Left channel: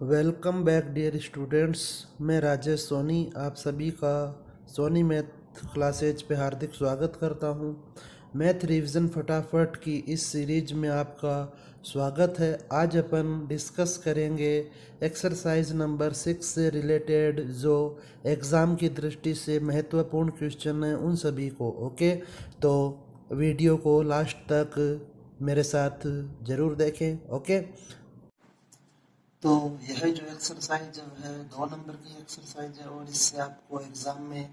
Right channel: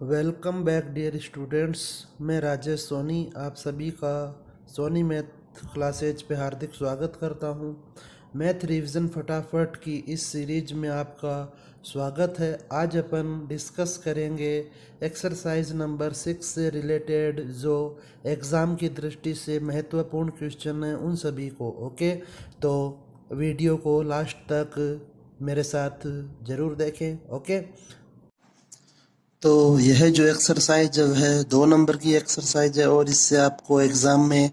Welcome back dear students. मैं राजेश सोनी आप सभी का सोनी मैथ क्लासेज पे हार्दिक स्वागत करता हूँ। मैथ रिवीजन फटाफट की इस सीरीज में आपका स्वागत है। आज अपन डिस्कस करेंगे एक्सरसाइज नंबर 6 से रिलेटेड जो एग्ज़ाम की दृष्टि से महत्वपूर्ण क्वेश्चन हैं उन सभी को। ओके, तो वीडियो को लास्ट तक मेरे साथ ज़रूर देखें। ओके, तो यह जो एक्सरसाइज है 2 नंबर की एक्सरसाइज है और इससे आपको एग्ज़ाम में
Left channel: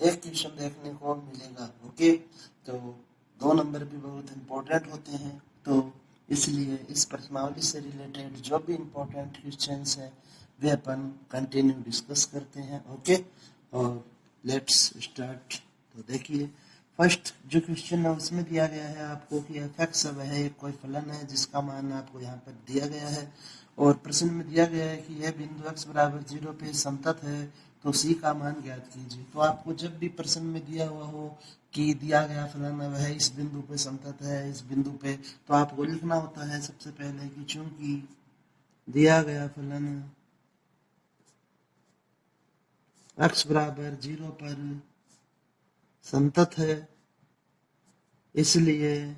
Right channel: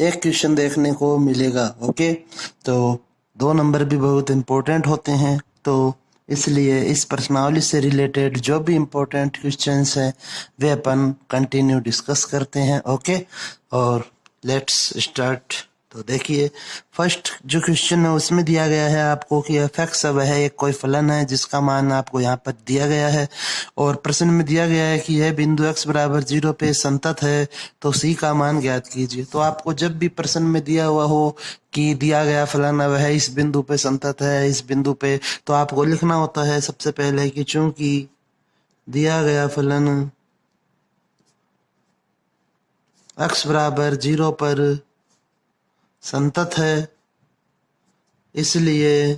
एक क्वेश्चन देखने को मिलेगा। ओके, तो 2 नंबर भी बहुत इम्पोर्टेंट होते हैं, तो इसलिए इस प्रश्नावली से रिलेटेड जो भी इम्पोर्टेंट क्वेश्चंस हैं वे अपन कंटिन्यू डिस्कस करते हैं। ओके, और लेट्स स्टार्ट। तो देखिए, फर्स्ट जो क्वेश्चन है उसमें दिया गया है आपको कि एफ एक्स वह एक कोई फलन है जिसका मान आपको यहाँ पर दिया गया है और प्रश्न में दिया गया है कि यह बिंदु x बराबर 0 पे संतत है, तो c का मान ज्ञात कीजिए। तो आपको जब भी प्रश्न में दिया हुआ हो कि दिया गया फलन वह इस बिंदु पे संतत है, इस बिंदु पे, तो आपको लिखना होता है सबसे पहले कि चूंकि दिया गया फलन x बराबर 0 पर संतत है, इसलिए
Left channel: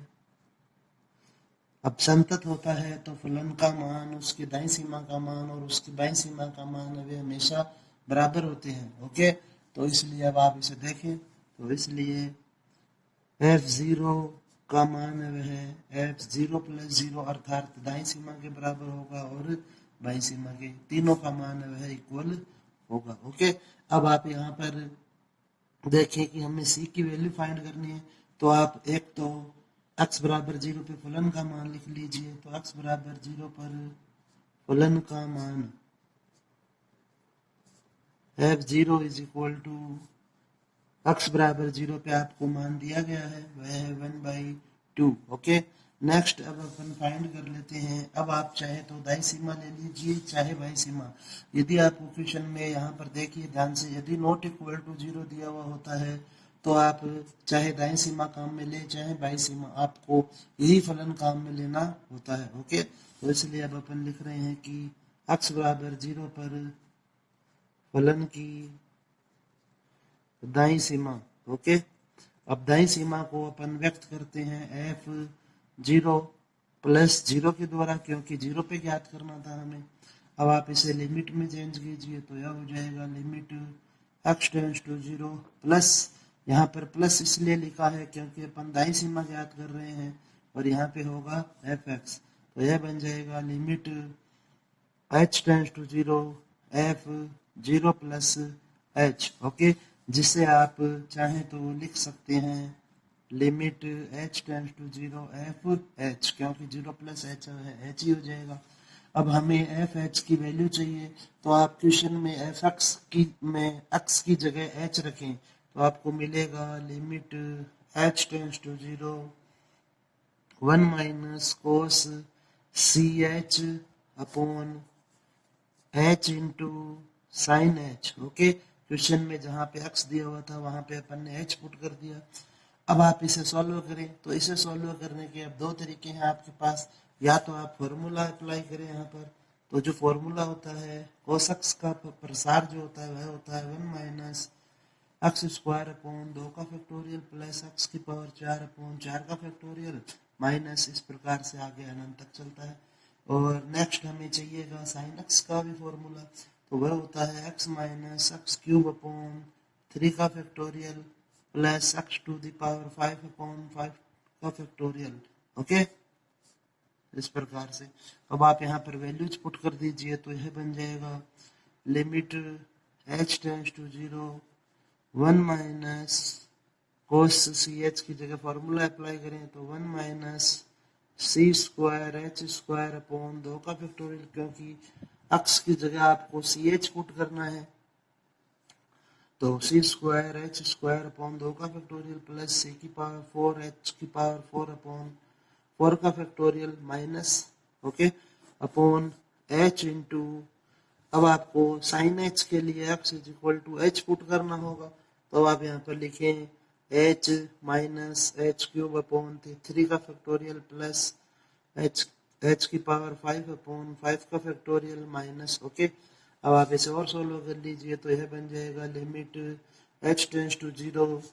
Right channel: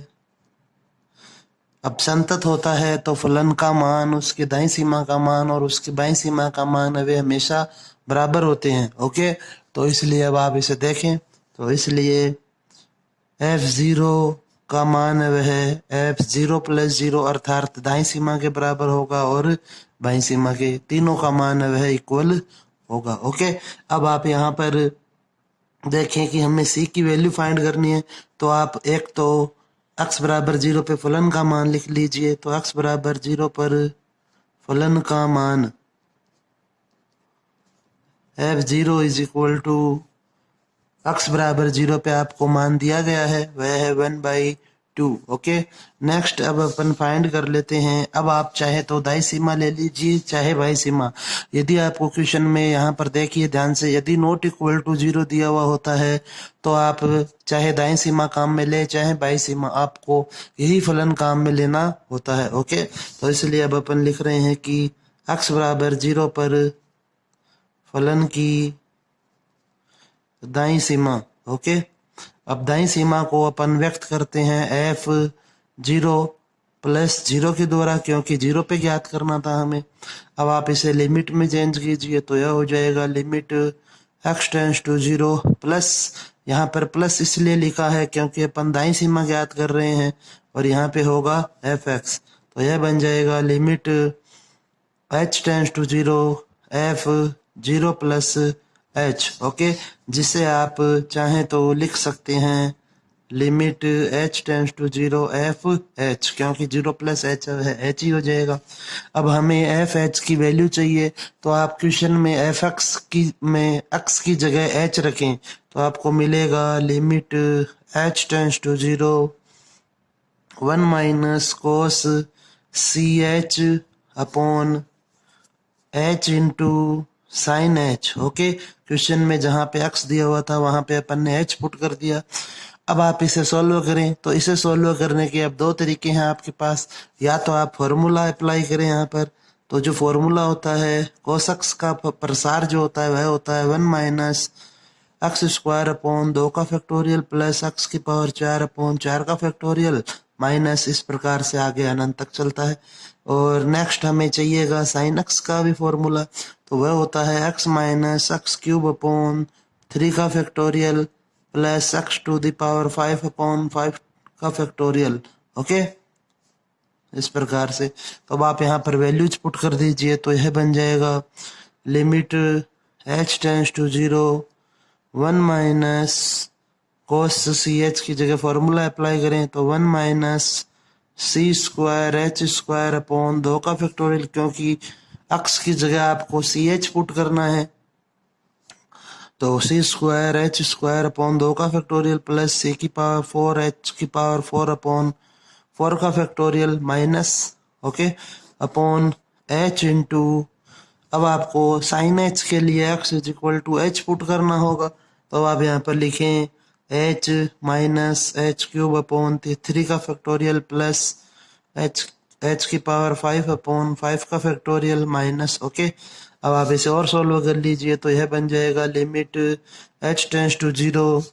अब संतत होता है तो फलन का मान, उसकी दाईं सीमा का मान और उसकी बाईं सीमा का मान वे हमेशा बराबर होते हैं। ओके, तो इसलिए अब आप इसे देखें, तो इसलिए f0 का मान वह f0 + 0 अर्थात दाईं सीमा के बराबर होगा और बाईं सीमा के, तीनों का मान वह इक्वल होगा। ओके, अब आप यहाँ पर देखें कि हमें c की वैल्यू फाइंड करनी है, तो आप एक तो x बराबर 0 पे फलन का मान लिख लीजिए। तो x बराबर 0 पर फलन का मान f0 = x बराबर 0 पे आपको मान दिया गया है वह है 1/2। ओके, नेक्स्ट अब अपन फाइंड कर लेते हैं। अब आप चाहे तो दाईं सीमा ले लीजिए चाहे बाईं सीमा। यदि आपको क्वेश्चन में यहाँ पर देखिए ध्यान से, यदि नॉट इक्वल टू 0 दिया हुआ होता है तो आप चाहे दाईं सीमा काम में ले चाहे बाईं सीमा, आपको यही फलन काम में लेना होता है। ओके, तो इसलिए अब अपन लिख रहे हैं कि x बराबर 0 पर फलन की दाईं सीमा। ओके, अब दाईं सीमा को अपन व्यक्त करते हैं f0 + 0 के द्वारा, क्योंकि 0 पे ज्ञात करना था हमें। अब आप इसे लिमिट में चेंज कीजिए तो यह हो जाएगा limit x tends to 0 plus, यहाँ पर प्लस इसलिए लिखा है क्योंकि अपन दाईं सीमा ज्ञात कर रहे हैं, और यहाँ पे होगा fx, तो यह बन जाएगा limit h tends to 0 f0 + h। Okay, जिसे आप चाहें तो लिख सकते हैं limit h tends to 0 f h, क्योंकि 0 + h है h ही हो जाएगा। अब हमें f h की वैल्यू चाहिए, तो आप क्वेश्चन में f x की में x की जगह h रखें तो आपको मिलेगा limit h tends to 0 1 - cos ch upon h into sine h। Okay, question में जहाँ पे x दिया हुआ था वहाँ पे अपन ने h पुट कर दिया। अब आप इसे सॉल्व करें, तो इसे सॉल्व करने के अब 2 तरीके हैं आपके पास। या तो आप फॉर्मूला अप्लाई करें यहाँ पर, तो जो फॉर्मूला होता है cos x का प्रसार जो होता है वह होता है 1 - x² अपॉन 2 का फैक्टोरियल प्लस x⁴/4 का फैक्टोरियल माइनस, इस प्रकार से आगे अनंत तक चलता है। और नेक्स्ट हमें चाहिएगा साइन x का भी फॉर्मूला, तो वह होता है x - x³ अपॉन 3 का फैक्टोरियल प्लस x⁵ अपॉन 5 का फैक्टोरियल। ओके, इस प्रकार से। तो अब आप यहाँ पर वैल्यूज पुट कर दीजिए, तो यह बन जाएगा limit h tends to 0 1 - cos ch की जगह फॉर्मूला अप्लाई करें तो 1 - c² h² अपॉन 2 का फैक्टोरियल, क्योंकि x की जगह आपको ch पुट करना है, तो c² h² अपॉन 2 का factorial plus c⁴ h⁴ upon 4 का factorial minus, okay, upon h into, अब आपको साइन h के लिए x = h पुट करना होगा, तो आप यहाँ पर लिखें h - h³ अपॉन 3 का फैक्टोरियल प्लस h एच की पावर 5 अपॉन 5 का फैक्टोरियल माइनस, ओके। अब आप इसे और सॉल्व कर लीजिए तो यह बन जाएगा limit H tends to 0,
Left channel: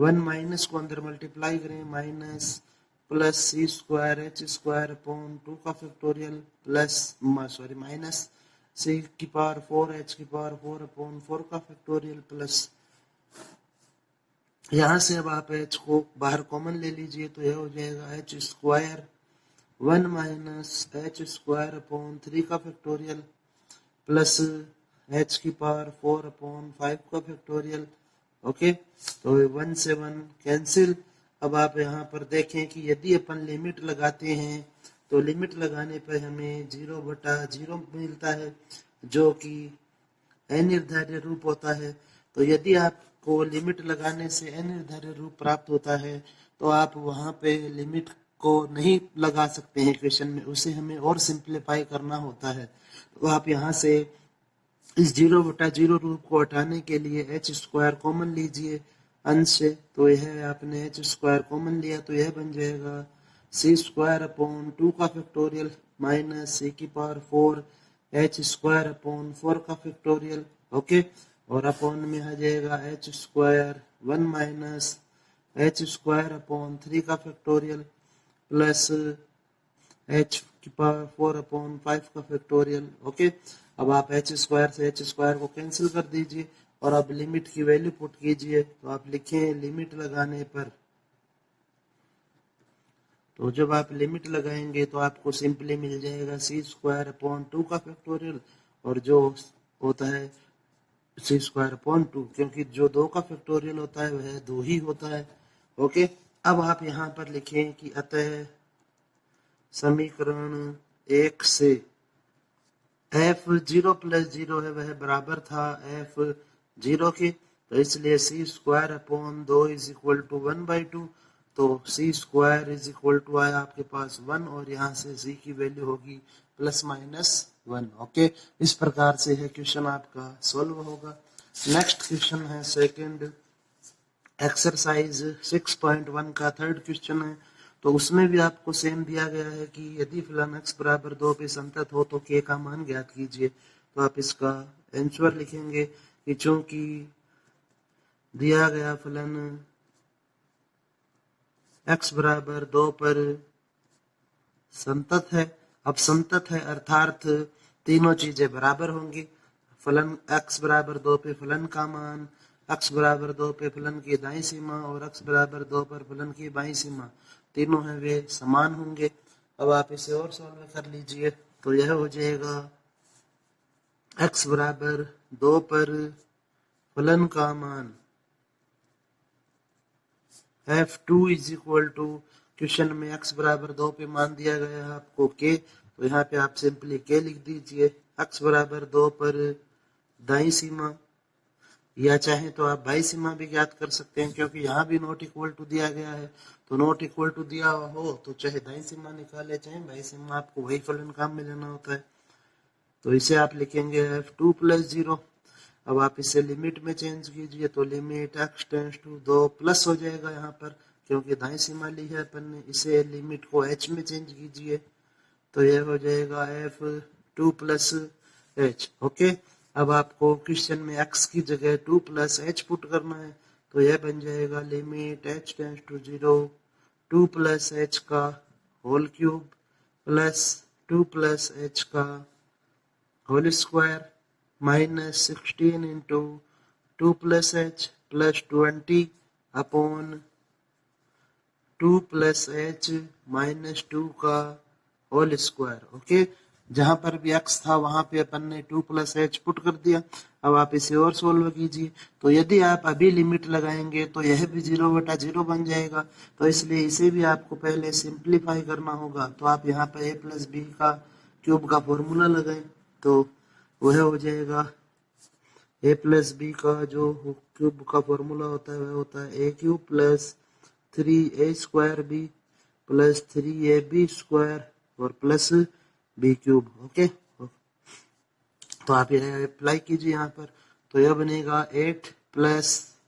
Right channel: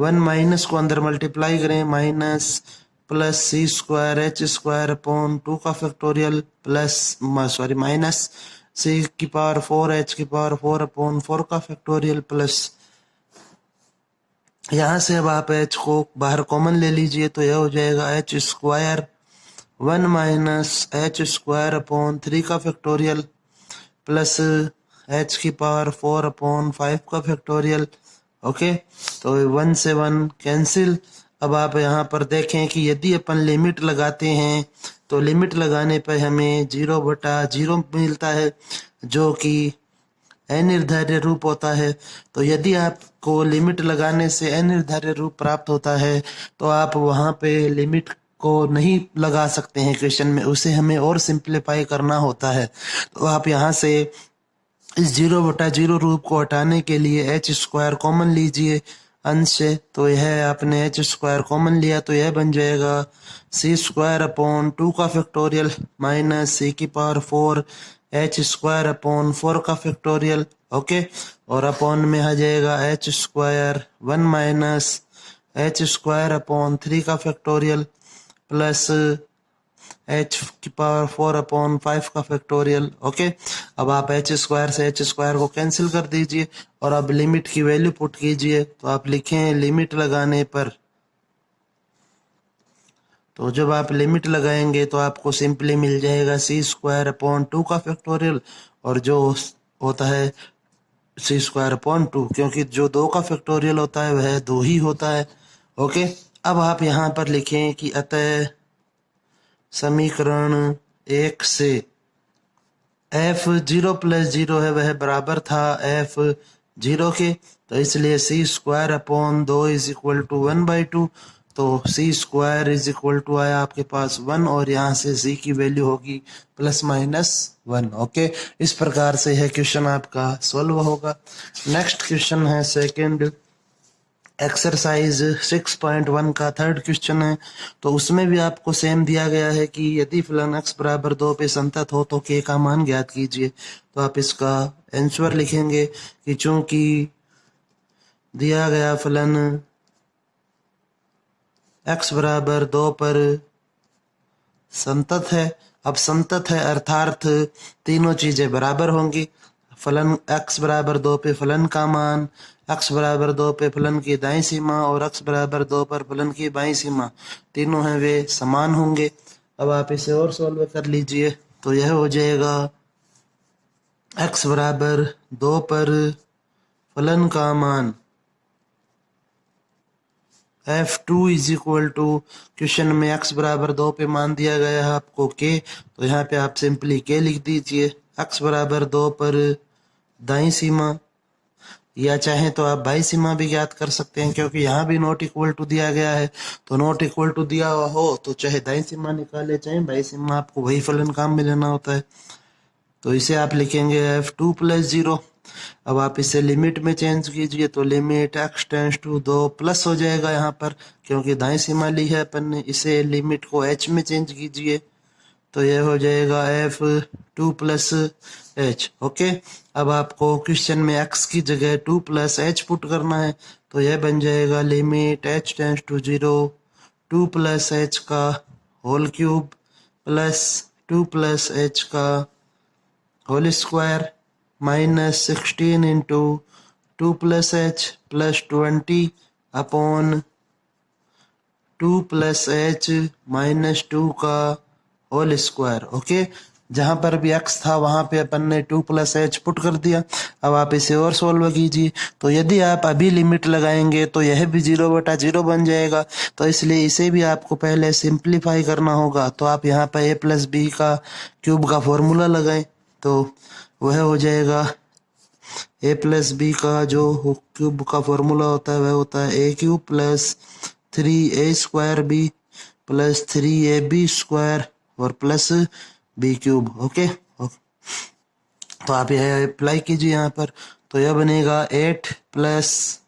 1 minus को अंदर मल्टीप्लाई करें, minus plus c square H square upon 2 का factorial plus sorry minus c की पावर 4 एच की पावर 4 अपॉन 4 का फैक्टोरियल प्लस, यहाँ से अब आप एच को बाहर कॉमन ले लीजिए तो यह हो जाएगा H square 1 minus H square upon 3 का फैक्टोरियल प्लस एच की पावर 4 अपॉन 5 का फैक्टोरियल, ओके। तो 1 से 1 कैंसिल। अब आप यहाँ पर देखें कि यदि अपन लिमिट लगाते हैं तो लिमिट लगाने पर हमें 0/0 मिलता है जो कि अनिर्धार्य रूप होता है। तो यदि आपको लिमिट लगाने से अनिर्धार्य रूप प्राप्त होता है तो आप वहाँ पे लिमिट को नहीं लगा सकते हैं क्वेश्चन में, उसे हमें और सिंप्लीफाई करना होता है। तो आप यहाँ से इस 0/0 रूप को हटाने के लिए एच स्क्वायर कॉमन लीजिए अंश से, तो यह आपने एच स्क्वायर कॉमन लिया तो यह बन जाएगा सी स्क्वायर अपॉन 2 का फैक्टोरियल माइनस सी की पावर 4 एच स्क्वायर अपॉन 4 का फैक्टोरियल, ओके। और अपॉन में आ जाएगा H square 1 minus H square upon 3 का फैक्टोरियल प्लस एच की पावर 4 अपॉन 5 का फैक्टोरियल, ओके। अब आप एच स्क्वायर से एच स्क्वायर को कैंसिल कर दीजिए और अब लिमिट की वैल्यू पुट कीजिए। तो आप लिखें लिमिट लगाने पर, तो जब आप लिमिट लगाएंगे तो आपको सिंपली मिल जाएगा सी स्क्वायर अपॉन 2 का फैक्टोरियल और जो होता है सी स्क्वायर अपॉन 2, क्योंकि जो 2 का फैक्टोरियल होता है वह 2 ही होता है, ओके। अब आप यहाँ पर लिखें कि अतः समीकरण 1 से एफ 0+0 है वह बराबर था एफ 0 के, तो इसलिए C square upon 2 is equal to 1/2। तो C square is equal to आया आपके पास 1 और यहाँ से सी की वैल्यू होगी +-1, ओके। इस प्रकार से यह क्वेश्चन आपका सॉल्व होगा। नेक्स्ट क्वेश्चन है सेकंड एक्सरसाइज 6.1 का थर्ड क्वेश्चन है। तो उसमें भी आपको सेम दिया गया है कि यदि फलन x बराबर 2 पे संतत हो तो k का मान ज्ञात कीजिए। तो आप इसका आंसर लिखेंगे कि चूंकि दिया गया फलन x बराबर 2 पर संतत है, अब संतत है अर्थात तीनों चीजें बराबर होंगी। फलन x बराबर 2 पे फलन का मान, x बराबर 2 पे फलन की दाईं सीमा और x बराबर 2 पर फलन की बाईं सीमा तीनों हैं वे समान होंगे। अब आप इसे और सॉल्व कर लीजिए तो यह हो जाएगा x बराबर 2 पर फलन का मान f2 is equal to, question में x बराबर 2 पे मान दिया गया है आपको k, तो यहाँ पे आप सिंपली k लिख दीजिए। x बराबर 2 पर दाईं सीमा, या चाहे तो आप बाई सीमा भी ज्ञात कर सकते हैं क्योंकि यहाँ भी नॉट इक्वल टू दिया गया है। तो नॉट इक्वल टू दिया हुआ हो तो चाहे दाईं सीमा निकाले चाहे बाई सीमा, आपको वही फलन काम में लेना होता है। तो इसे आप लिखेंगे f2+0। अब आप इसे लिमिट में चेंज कीजिए तो limit x tends to 2 plus हो जाएगा यहाँ पर, क्योंकि दाईं सीमा ली है अपन ने। इसे लिमिट को h में चेंज कीजिए तो यह हो जाएगा f2+h, ओके। अब आपको क्वेश्चन में x की जगह 2+h पुट करना है तो यह बन जाएगा limit h tends to 0 2+h का होल क्यूब प्लस 2+h का whole square minus 16 into 2+h plus 20 upon 2+h minus 2 का होल स्क्वायर, ओके। जहां पर भी x था वहां पे अपन ने 2+h पुट कर दिया। अब आप इसे और सोल्व कीजिए तो यदि आप अभी लिमिट लगाएंगे तो यह भी 0/0 बन जाएगा, तो इसलिए इसे भी आपको पहले सिंप्लीफाई करना होगा। तो आप यहाँ पर a+b का क्यूब का फॉर्मूला लगाएं तो वह हो जाएगा a+b का जो क्यूब का फॉर्मूला होता है वह होता है a³ plus 3a² b plus 3ab² और प्लस b³, ओके। तो आप यह अप्लाई कीजिए यहाँ पर तो यह बनेगा 8 प्लस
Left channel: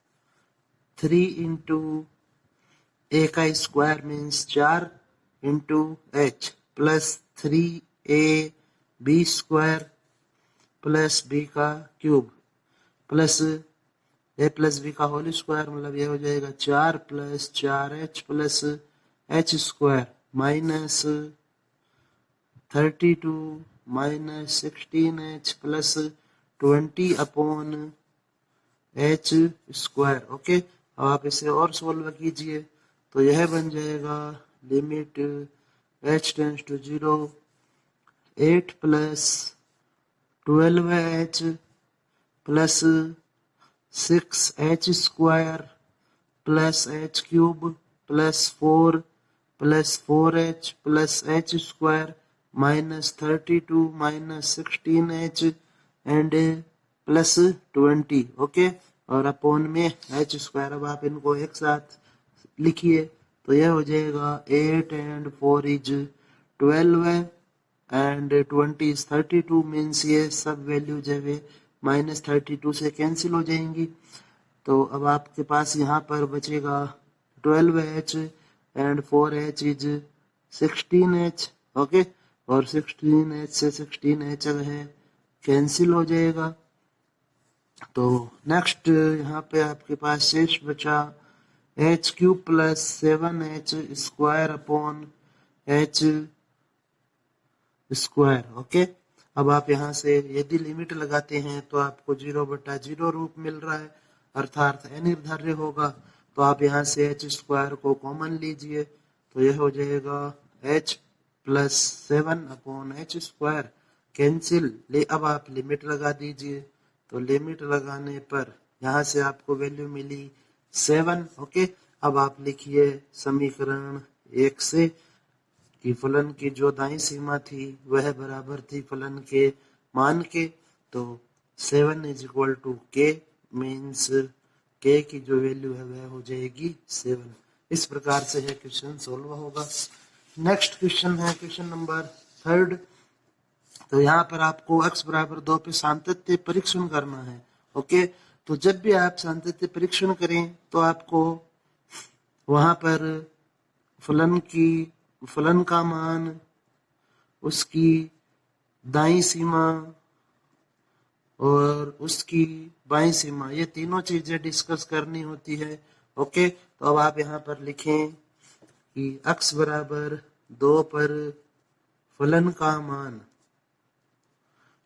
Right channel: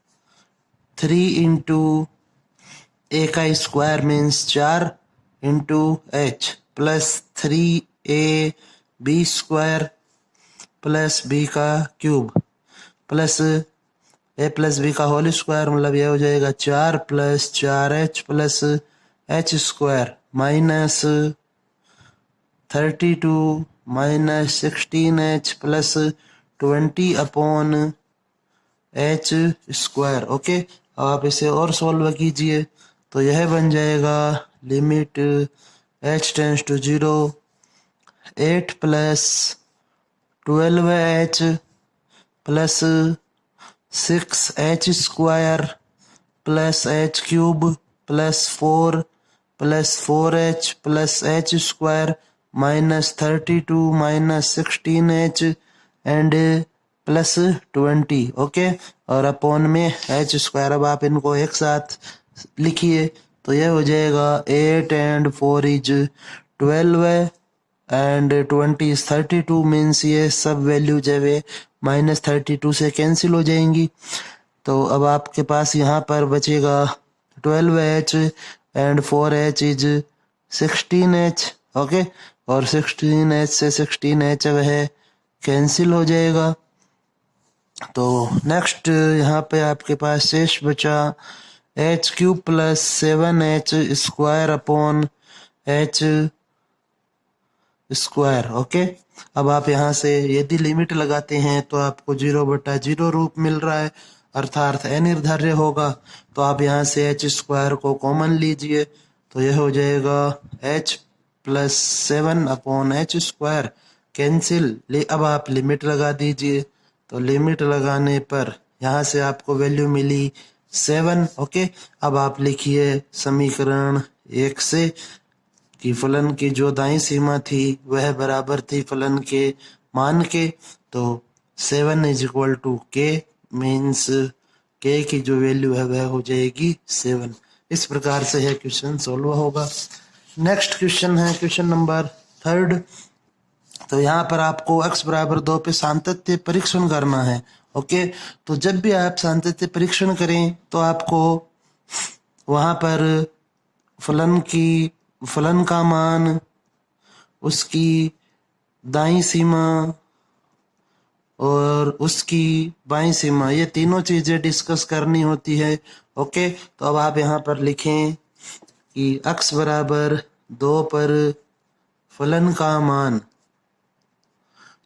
3 इंटू a का square means 4 into h plus 3ab² plus b का cube plus a plus b का होल स्क्वायर, मतलब ये हो जाएगा 4 plus 4h plus h² minus 32 minus 16h plus 20/h²। Okay, अब आप इसे और सॉल्व कीजिए तो यह बन जाएगा limit h tends to 0 8 plus 12h plus 6h² plus h³ plus 4 plus 4h plus h² minus 32 minus 16h and plus 20। Okay, और अपॉन में h²। अब आप इनको एक साथ लिखिए तो यह हो जाएगा 8 and 4 is 12 and 20 is 32, means ये सब वैल्यू जब माइनस 32 से कैंसिल हो जाएंगी। तो अब आपके पास यहाँ पर बचेगा 12h and 4h is 16h। Okay, और 16h से 16h वह कैंसिल हो जाएगा। तो नेक्स्ट यहाँ पे आपके पास शेष बचा h³ plus 7h² upon h²। Okay, अब आप यहाँ से यदि लिमिट लगाते हैं तो आपको 0/0 रूप मिल रहा है, अर्थात अनिर्धार्य होगा। तो आप यहाँ से h² को कॉमन लीजिए तो यह हो जाएगा h plus 7 upon h² cancel. अब आप लिमिट लगा दीजिए तो लिमिट लगाने पर यहाँ से आपको वैल्यू मिली 7। ओके, अब आप लिखिए समीकरण 1 से कि फलन की जो दाईं सीमा थी वह बराबर थी फलन के मान के। तो 7 is equal to k, means k की जो वैल्यू है वह हो जाएगी 7। इस प्रकार से यह क्वेश्चन सॉल्व होगा। नेक्स्ट क्वेश्चन है क्वेश्चन नंबर 3। तो यहाँ पर आपको x बराबर 2 पे सातत्य परीक्षण करना है। ओके, तो जब भी आप सातत्य परीक्षण करें तो आपको वहाँ पर फलन का मान, उसकी दाईं सीमा और उसकी बाईं सीमा, ये तीनों चीजें डिस्कस करनी होती है। ओके, तो अब आप यहाँ पर लिखें कि x बराबर 2 पर फलन का मान।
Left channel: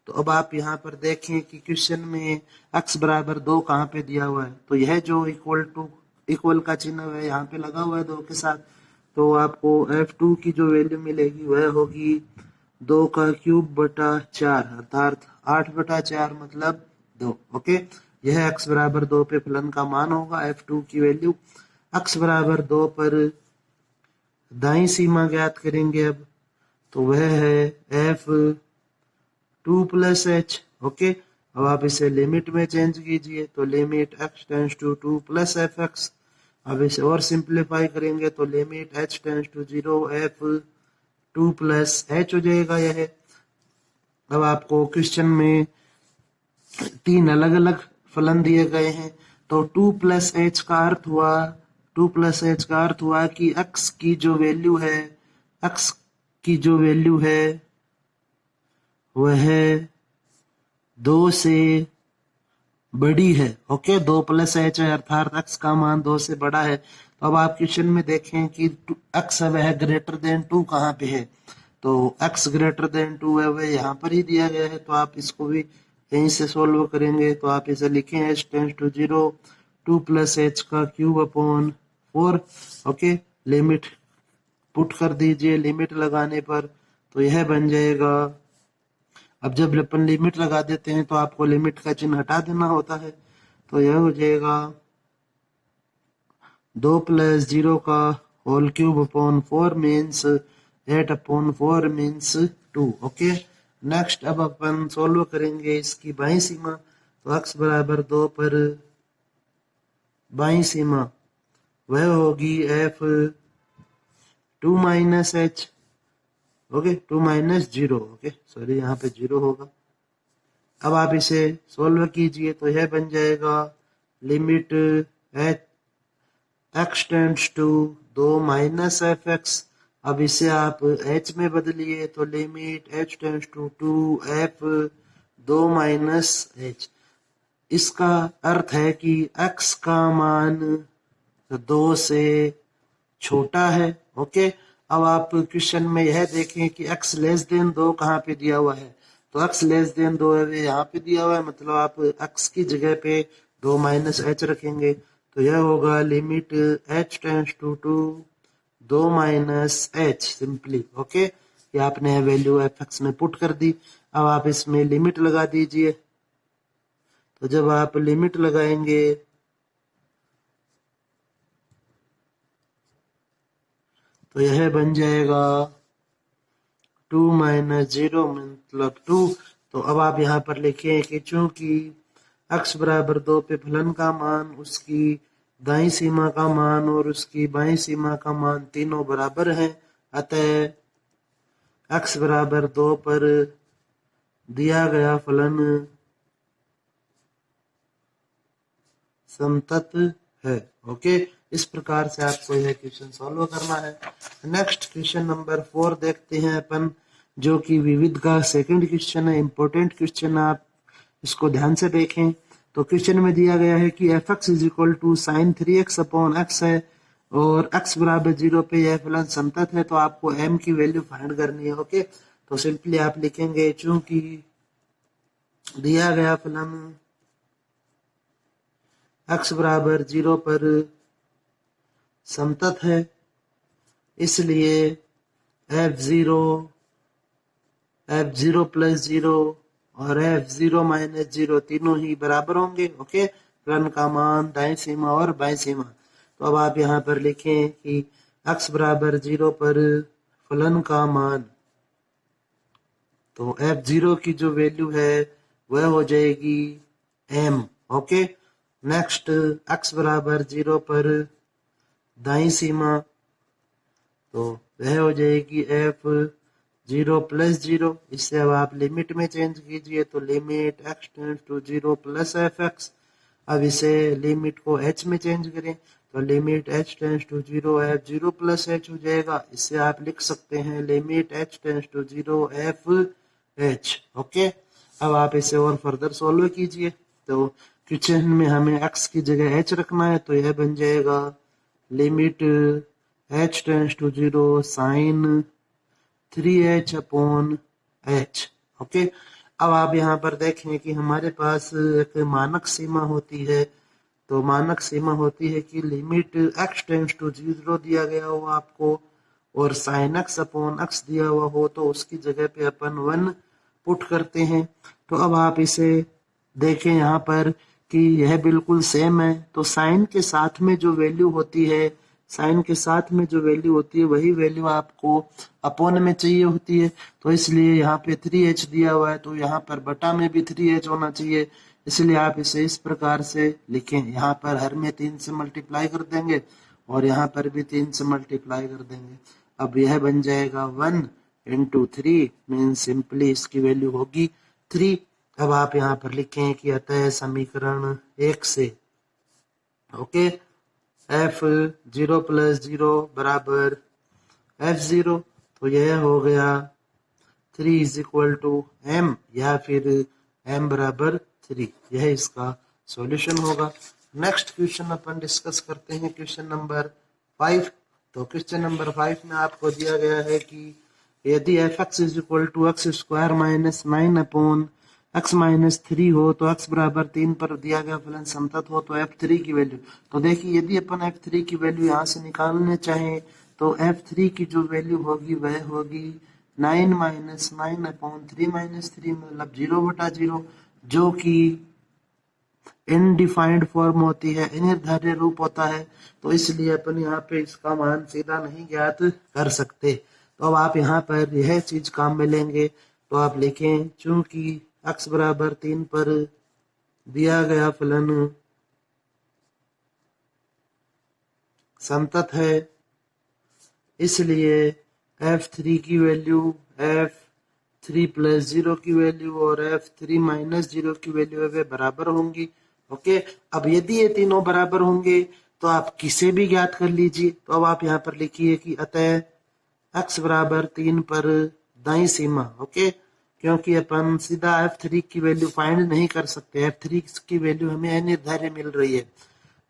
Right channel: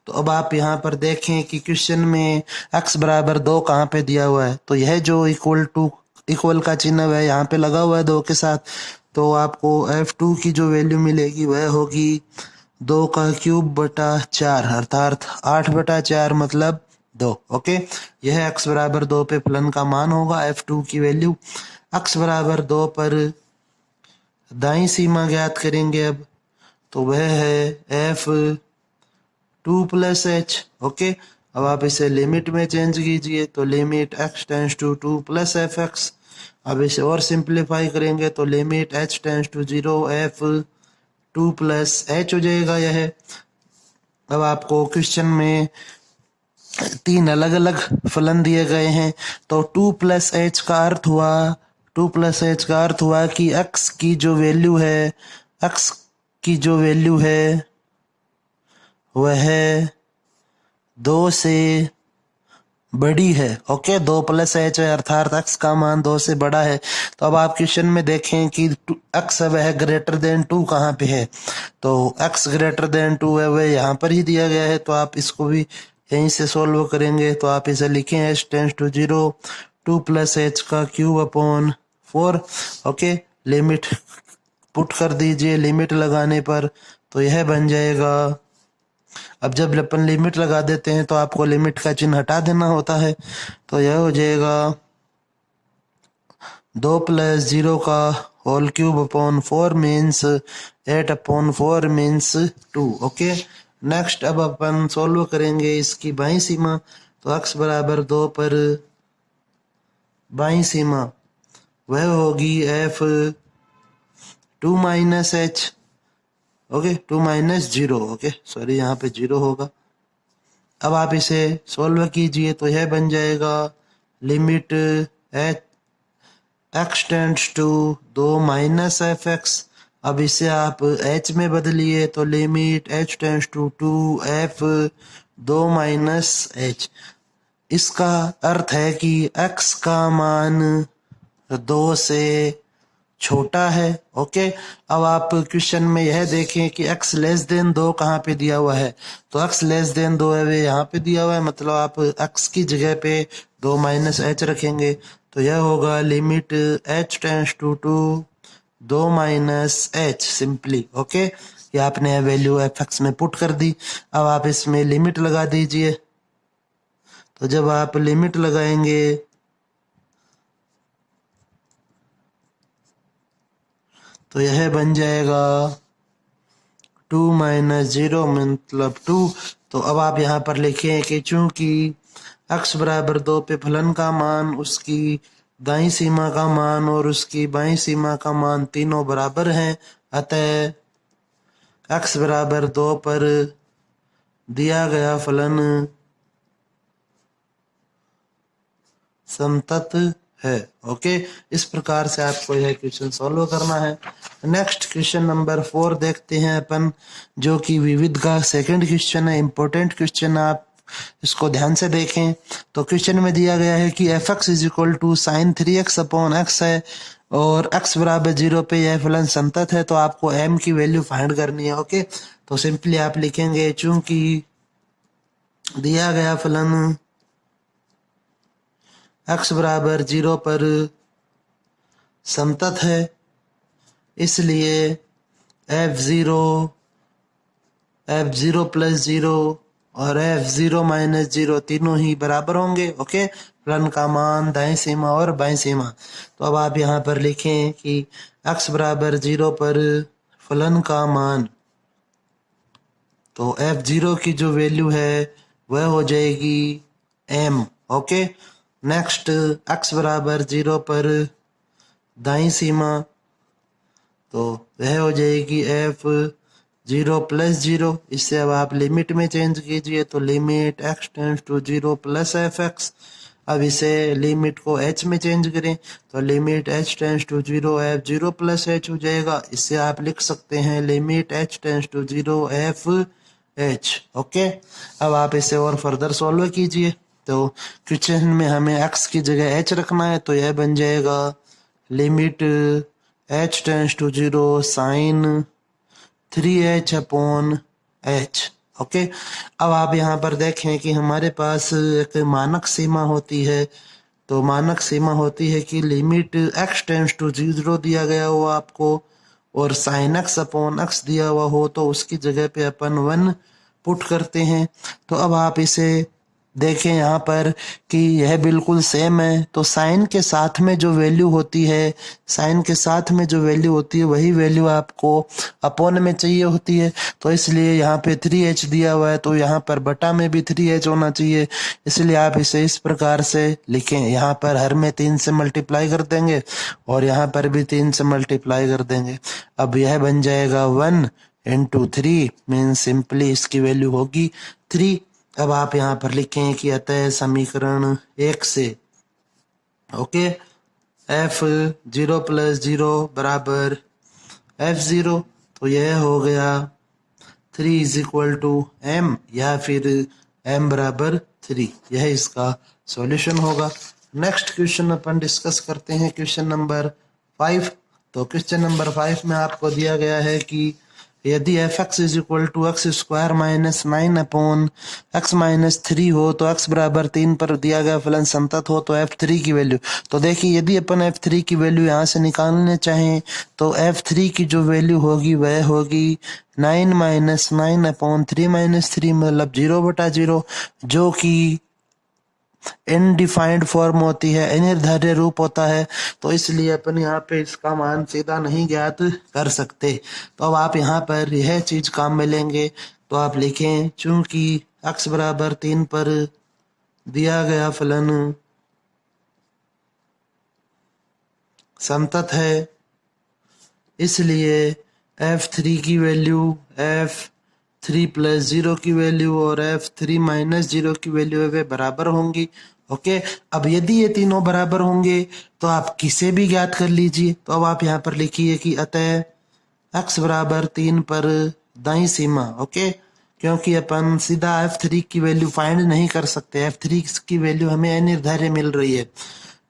तो अब आप यहाँ पर देखें कि क्वेश्चन में x बराबर 2 कहाँ पे दिया हुआ है, तो यह जो इक्वल का चिन्ह है यहाँ पे लगा हुआ है 2 के साथ। तो आपको f2 की जो वैल्यू मिलेगी वह होगी 2 का क्यूब बटा 4, अर्थात 8/4 मतलब 2। ओके, यह x बराबर 2 पे फलन का मान होगा f2 की वैल्यू। x बराबर 2 पर दाईं सीमा ज्ञात करेंगे अब, तो वह है f2 प्लस h। ओके, अब आप इसे लिमिट में चेंज कीजिए तो limit x tends to 2 plus fx। अब इसे और सिंप्लीफाई करेंगे तो limit h tends to 0 f2 plus h हो जाएगा यह। अब आपको क्वेश्चन में 3 अलग अलग फलन दिए गए हैं, तो 2 प्लस h का अर्थ हुआ कि x की जो वैल्यू है वह 2 से बड़ी है। ओके, 2 प्लस h है, अर्थात x का मान 2 से बड़ा है। तो अब आप क्वेश्चन में देखें कि x है वह ग्रेटर देन 2 कहाँ पे है, तो x ग्रेटर देन 2 है वह यहाँ पर ही दिया गया है। तो आप इसको भी यहीं से सॉल्व करेंगे तो आप इसे लिखें h tends to 0 2 plus h का cube upon 4। Okay, limit put कर दीजिए लिमिट लगाने पर तो यह बन जाएगा। अब जब अपन लिमिट लगा देते हैं तो आपको लिमिट का चिन्ह हटा देना होता है, तो यह हो जाएगा 2 प्लस 0 का whole cube upon 4 means 8/4 means 2। Okay, next अब अपन सॉल्व करेंगे इसकी बाईं सीमा। तो x बराबर 2 पर बाईं सीमा वह होगी f2 minus h। Okay, 2 minus 0। Okay, sorry यहाँ पे 0 होगा। अब आप इसे सॉल्व कीजिए तो यह बन जाएगा limit x tends to 2 minus fx अब इसे आप h में बदलिए तो limit h tends to 2f 2 minus h। इसका अर्थ है कि x का मान 2 से छोटा है। ओके, अब आप क्वेश्चन में यह देखें कि x लेस देन 2 कहाँ पे दिया हुआ है, तो x लेस देन 2 है वे यहाँ पे दिया हुआ है, मतलब आप x की जगह पे 2 माइनस h रखेंगे तो यह होगा limit h tends to 2 minus h simply. Okay, ये आपने वैल्यू fx में पुट कर दी। अब आप इसमें लिमिट लगा दीजिए, तो जब आप लिमिट लगाएंगे तो यह बन जाएगा 2 माइनस 0 मतलब 2। तो अब आप यहाँ पर लिखें कि चूंकि x बराबर 2 पे फलन का मान, उसकी दाईं सीमा का मान और उसकी बाईं सीमा का मान तीनों बराबर हैं, अतः x बराबर 2 पर दिया गया फलन समतत है। ओके, इस प्रकार से आपको यह क्वेश्चन सॉल्व करना है। नेक्स्ट क्वेश्चन नंबर 4 देखते हैं अपन, जो कि विविध का सेकंड क्वेश्चन है। इंपॉर्टेंट क्वेश्चन, आप इसको ध्यान से देखें। तो क्वेश्चन में दिया गया है कि f x is equal to sine 3x upon x है और x बराबर 0 पे यह फलन संतत है, तो आपको m की वैल्यू फाइंड करनी है। ओके, तो सिंपली आप लिखेंगे चूंकि दिया गया फलन x बराबर 0 पर समतत है, इसलिए f0 प्लस 0 और f0 माइनस 0 तीनों ही बराबर होंगे। ओके, फलन का मान दाईं सीमा और बाईं सीमा। तो अब आप यहाँ पर लिखें कि x बराबर 0 पर फलन का मान, तो f0 की जो वैल्यू है वह हो जाएगी m। ओके, नेक्स्ट x बराबर 0 पर दाईं सीमा, तो वह हो जाएगी f0 प्लस 0। इससे अब आप लिमिट में चेंज कीजिए, तो limit x tends to 0 plus fx। अब इसे लिमिट को h में चेंज करें तो limit h tends to 0 f0 plus h हो जाएगा। इससे आप लिख सकते हैं limit h tends to 0 f h। Okay, अब आप इसे और फर्दर सॉल्व कीजिए। तो क्वेश्चन में हमें x की जगह h रखना है, तो यह बन जाएगा limit h tends to 0 sine 3h upon h। Okay, अब आप यहाँ पर देखें कि हमारे पास एक मानक सीमा होती है, तो मानक सीमा होती है कि लिमिट x टेंड्स टू 0 दिया गया हो आपको और साइन x अपॉन x दिया हुआ हो, तो उसकी जगह पे अपन 1 पुट करते हैं। तो अब आप इसे देखें यहाँ पर कि यह बिल्कुल सेम है, तो साइन के साथ में जो वैल्यू होती है, साइन के साथ में जो वैल्यू होती है वही वैल्यू आपको अपोन में चाहिए होती है। तो इसलिए यहाँ पे 3h दिया हुआ है, तो यहाँ पर बटा में भी 3h होना चाहिए, इसलिए आप इसे इस प्रकार से लिखें। यहाँ पर हर में 3 से मल्टीप्लाई कर देंगे और यहाँ पर भी 3 से मल्टीप्लाई कर देंगे। अब यह बन जाएगा 1 इंटू 3 मीन सिंपली इसकी वैल्यू होगी 3। अब आप यहाँ पर लिखें कि अतः समीकरण 1 से ओके f0 प्लस 0 बराबर f0, तो यह हो गया 3 इज इक्वल टू m या फिर m बराबर 3। यह इसका सॉल्यूशन होगा। नेक्स्ट क्वेश्चन अपन डिस्कस करते हैं, क्वेश्चन नंबर 5। तो क्वेश्चन नंबर 5 में आपको दिया गया है कि यदि f x is equal to x square minus 9 upon x minus 3 हो, तो एक्स बराबर 3 पर दिया गया फलन संतत हो, तो f3 की वैल्यू। तो देखिए यदि अपन f3 की वैल्यू यहाँ से निकालने चाहें तो f3 की जो वैल्यू होगी वह होगी 9 माइनस 9 अपॉन 3 माइनस 3 मतलब 0/0, जो कि इनडिफाइंड फॉर्म होती है, अनिर्धारित रूप होता है। तो इसलिए अपन यहाँ पे इसका मान सीधा नहीं ज्ञात कर सकते। तो अब आप यहाँ पर यह चीज काम में लेंगे, तो आप लिखें चूंकि x बराबर 3 पर दिया गया फलन समतत है, इसलिए f3 की वैल्यू f3 प्लस 0 की वैल्यू और f3 माइनस 0 की वैल्यू वे बराबर होंगी। ओके, अब यदि ये तीनों बराबर होंगे तो आप किसे भी ज्ञात कर लीजिए। तो अब आप यहाँ पर लिखिए कि अतः x बराबर 3 पर दाई सीमा, ओके, क्योंकि अपन सीधा f3 की वैल्यू फाइंड नहीं कर सकते, f3 की वैल्यू हमें अनिर्धारित मिल रही है,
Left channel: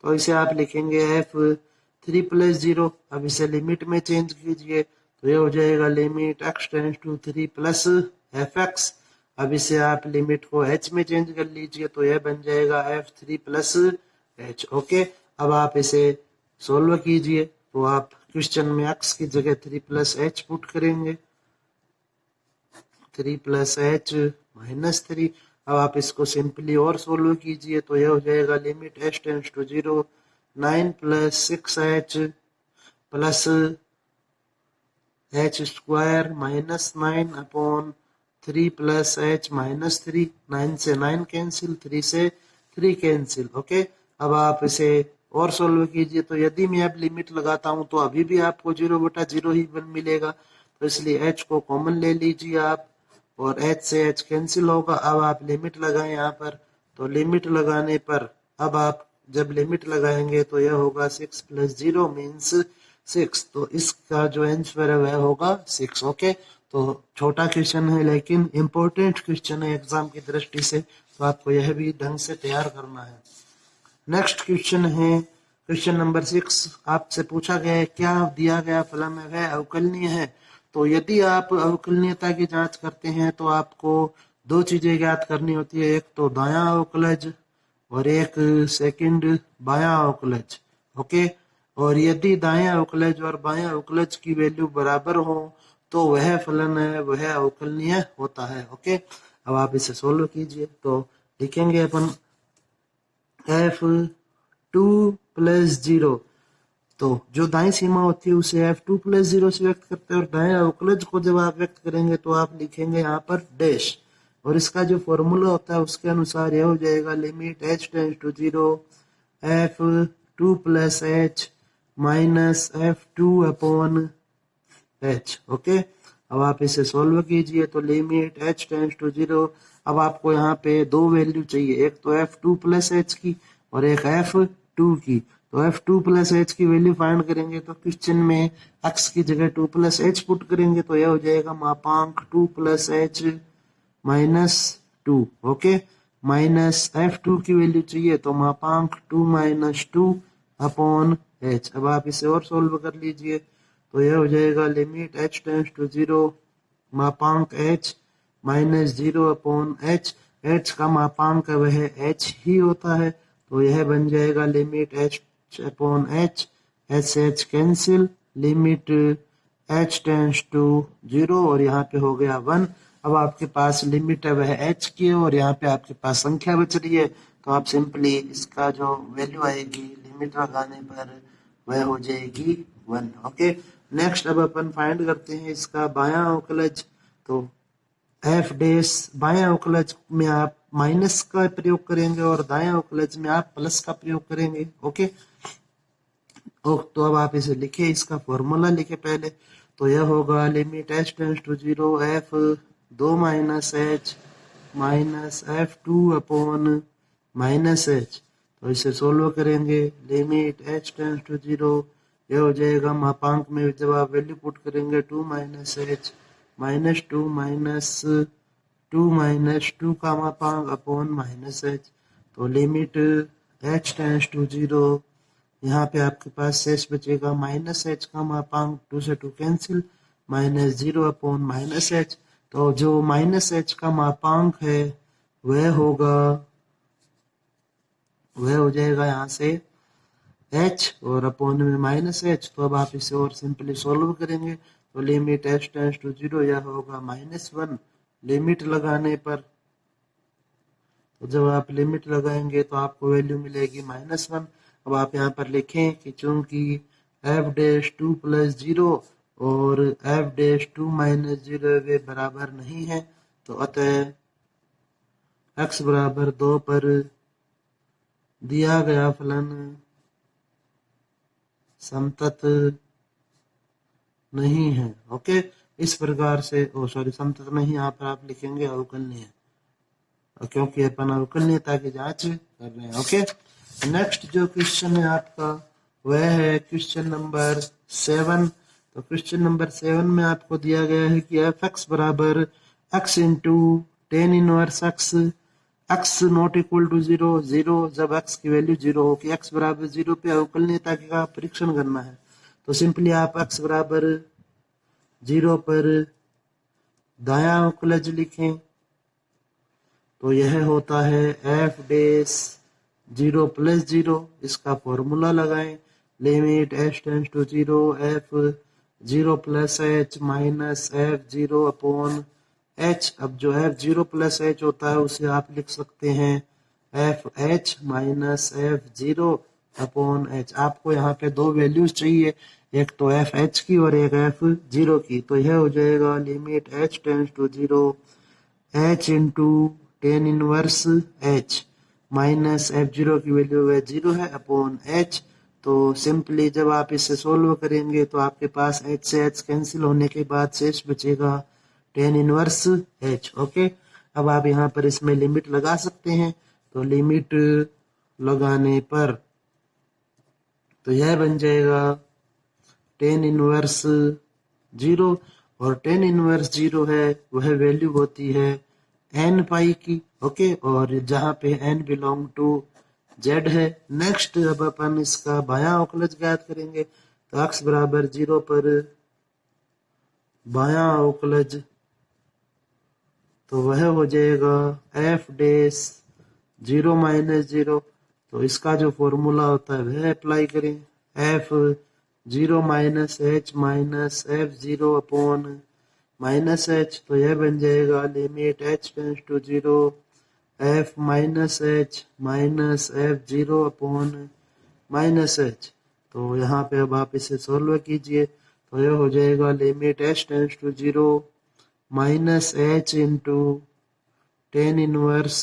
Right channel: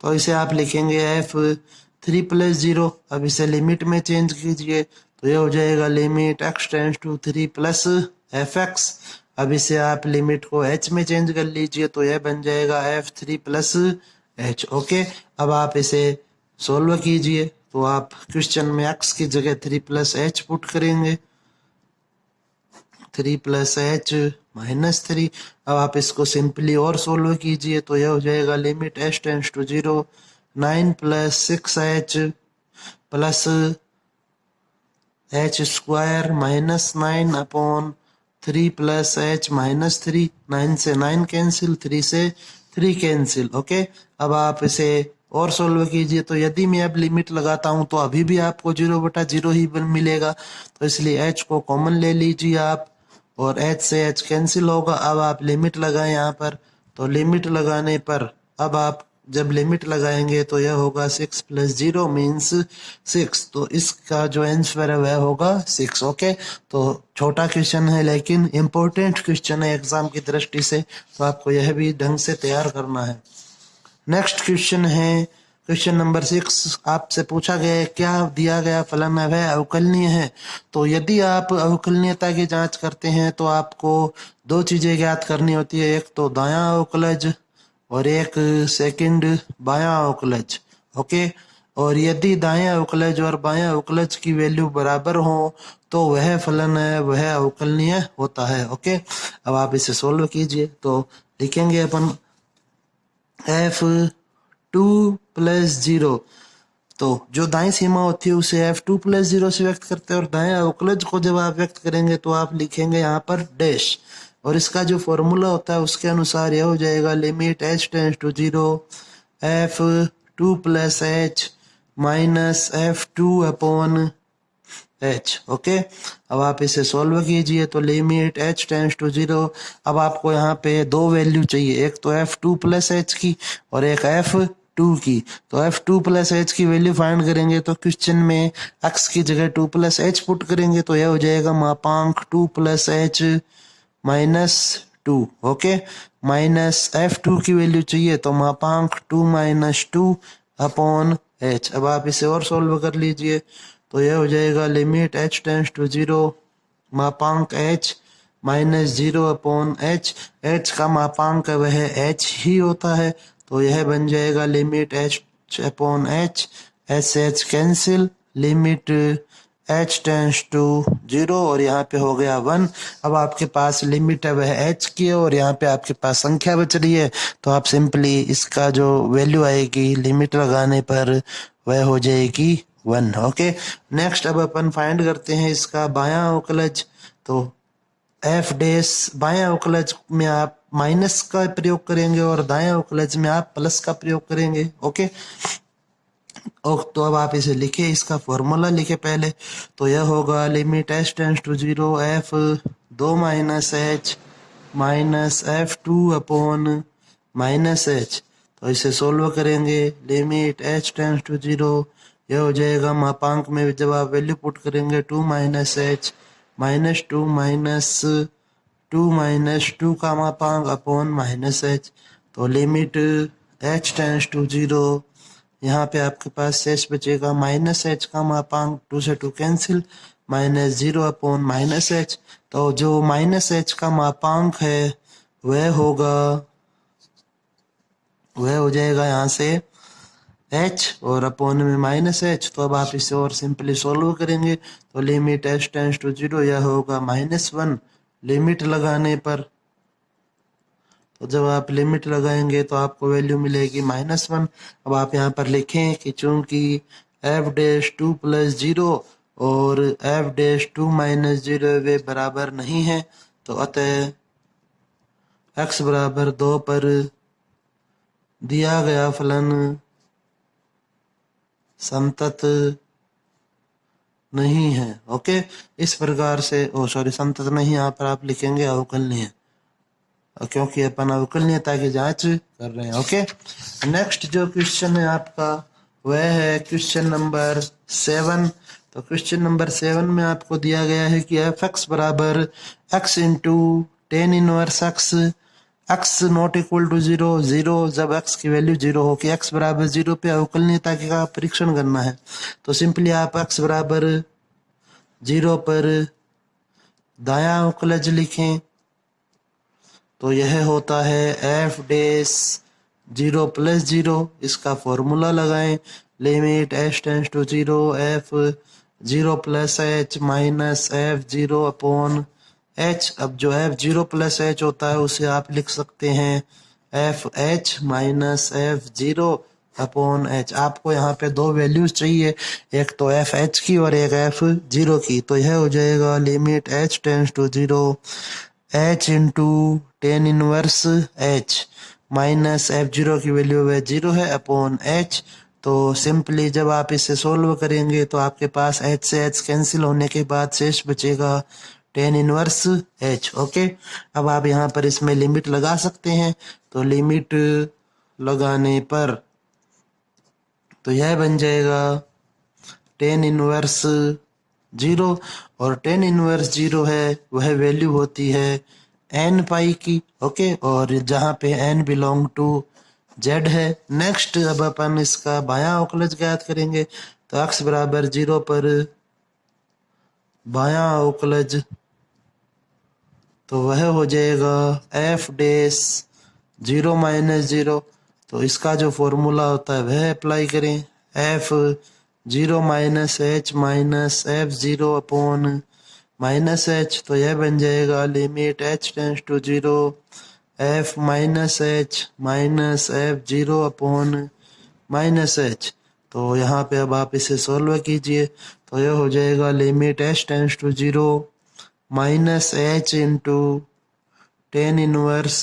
तो इसे आप लिखेंगे f3 प्लस 0। अब इसे लिमिट में चेंज कीजिए तो यह हो जाएगा limit x tends to 3 plus fx। अब इसे आप लिमिट को h में चेंज कर लीजिए तो यह बन जाएगा f3 प्लस h, ओके। अब आप इसे सोल्व कीजिए तो आप क्वेश्चन में x की जगह 3 प्लस h पुट करेंगे, 3 प्लस h माइनस 3। अब आप इसको सिंपली और सोल्व कीजिए तो यह हो जाएगा लिमिट h टेंड्स टू 0 9 प्लस 6h plus h square minus 9 upon 3 plus h minus 3। 9 से 9 कैंसिल, 3 से 3 कैंसिल, ओके। अब आप इसे और सोल्व कीजिए तो यदि मैं अब लिमिट लगाता हूं तो अभी भी आपको 0/0 ही मिलेगा, तो इसलिए h को कॉमन ले लीजिए आप और h से h कैंसिल होगा। अब आप लिमिट लगाएं यहाँ पर, तो लिमिट लगाने पर अब आप जब लिमिट लगाएंगे तो यह होगा 6 प्लस 0 मीन्स 6, तो इसका जो आंसर है वह होगा 6, ओके। तो छोटा क्वेश्चन है लेकिन इम्पोर्टेंट क्वेश्चन है एग्जाम की दृष्टि से, तो आपको यह भी ढंग से तैयार करना है। नेक्स्ट क्वेश्चन है क्वेश्चन नंबर 6। आपसे पूछा गया है क्या दिया गया फलन वह अवकलनीय है। तो यदि आप अवकलनीयता की जांच करते हैं तो आपको दो चीजें ज्ञात करनी होती है, एक तो दायां अवकलज और एक सेकंड बायां अवकलज, ओके। और यदि दायां अवकलज और बायां अवकलज की वैल्यू बराबर हो तो वह फलन है वह अवकलनीय होता है, ओके। अब आप इसे सोल्व कीजिए तो लिखेंगे अपन f2 प्लस 0, तो जो दाएं सीमा होती है उसे f2 प्लस 0 से व्यक्त करते हैं और दाएं अवकलज को जब आप व्यक्त करेंगे तो आप लिखेंगे यहाँ पर डैश, और इसका जो फॉर्मूला होता है उसके अनुसार यह हो जाएगा limit h tends to 0 f2 plus h minus f2 upon h, okay. अब आप इसे सोल्व कीजिए तो लिमिट h टेंड्स टू 0। अब आपको यहाँ पे दो वैल्यू चाहिए, एक तो f2 प्लस h की और एक f2 की, तो f2 प्लस h की वैल्यू फाइंड करेंगे तो क्वेश्चन में x की जगह 2 प्लस h पुट करेंगे तो यह हो जाएगा मापांक 2 plus h minus 2, okay. Minus f2 की वैल्यू चाहिए तो मापांक 2 माइनस 2 अपॉन h। अब आप इसे और सोल्व कर लीजिए तो यह हो जाएगा लिमिट h टेंड्स टू 0 मापांक h माइनस 0 अपॉन h का मापांक वह h ही होता है, तो यह बन जाएगा लिमिट h अपॉन h से h cancel, limit h tends to 0 और यहाँ पे हो गया 1। अब आपके पास लिमिट है वह h की है और यहाँ पे आपके पास संख्या बच रही है, तो आप सिंपली इसका जो वैल्यू आएगी लिमिट लगाने पर वह हो जाएगी 1, ओके। नेक्स्ट अब अपन फाइंड करते हैं इसका बायां अवकलज, तो f डैश बायां अवकलज में आप माइनस का प्रयोग करेंगे और दायां अवकलज में आप प्लस का प्रयोग करेंगे, ओके। तो अब आप इसे लिखे, इसका फॉर्मूला लिखे पहले, तो यह होगा limit h tends to 0 f2 minus h minus f2 upon minus h, तो इसे सोल्व करेंगे लिमिट h टेंड्स टू 0, यह हो जाएगा मापांक में जब आप वैल्यू पुट करेंगे 2 minus h minus 2 minus 2 minus 2 का मापांक अपॉन माइनस h, तो लिमिट h टेंड्स टू 0, यहाँ पे आपके पास शेष बचेगा माइनस h का मापांक 2 से 2 cancel minus 0 upon minus h, तो जो माइनस h का मापांक है वह होगा वह हो जाएगा यहाँ से h और अपॉन में माइनस h। तो अब आप इसे और सिंपली सोल्व करेंगे तो लिमिट h टेंड्स टू 0 यह होगा -1 लिमिट लगाने पर, तो जब आप लिमिट लगाएंगे तो आपको वैल्यू मिलेगी -1। अब आप यहाँ पर लिखें कि चूंकि f'2 प्लस 0 और f'2 माइनस 0 वे बराबर नहीं है, तो अतः x बराबर 2 पर दिया गया फलन संतत नहीं है, ओके। इस प्रकार से संतत नहीं, यहाँ पर आप लिखेंगे अवकलनीय, क्योंकि अपन अवकलनीयता की जांच कर रहे हैं, ओके। नेक्स्ट जो क्वेश्चन है आपका वह है क्वेश्चन नंबर 7। तो क्वेश्चन नंबर 7 में आपको दिया गया है कि एफ एक्स बराबर x into tan inverse x, x not equal to zero, zero जब एक्स की वैल्यू जीरो हो कि एक्स बराबर जीरो पे अवकलनीयता का परीक्षण करना है। तो सिंपली आप एक्स बराबर जीरो पर दायां अवकलज लिखें, तो यह होता है f dash zero plus zero. इसका फॉर्मूला लगाएं, limit H tends to zero f zero plus h minus f zero upon H. अब जो एफ जीरो प्लस एच होता है उसे आप लिख सकते हैं F h minus f zero upon H. आपको यहाँ पे दो वैल्यूज चाहिए, एक तो एफ एच की और एक एफ जीरो की। तो यह हो जाएगा limit H tends to zero h into tan inverse h minus f zero की वैल्यू है जीरो है अपॉन एच। तो सिंपली जब आप इसे सोल्व करेंगे तो आपके पास एच से एच कैंसिल होने के बाद शेष बचेगा टेन इनवर्स एच। ओके, अब आप यहाँ पर इसमें लिमिट लगा सकते हैं। तो लिमिट लगाने पर तो यह बन जाएगा टेन इनवर्स जीरो, और टेन इनवर्स जीरो है वह वैल्यू होती है एन पाई की। ओके, और जहाँ पे एन बिलोंग टू जेड है। नेक्स्ट अब अपन इसका बायां अवकलज ज्ञात करेंगे। तो एक्स बराबर जीरो पर बायां अवकलज तो वह हो जाएगा f dash zero minus zero. तो इसका जो फॉर्मूला होता है वह अप्लाई करें, f zero minus h minus f zero upon minus h. तो यह बन जाएगा limit H tends to zero f minus h minus f zero upon minus h. तो यहाँ पे अब आप इसे सॉल्व कीजिए, तो यह हो जाएगा limit H tends to zero minus h into tan inverse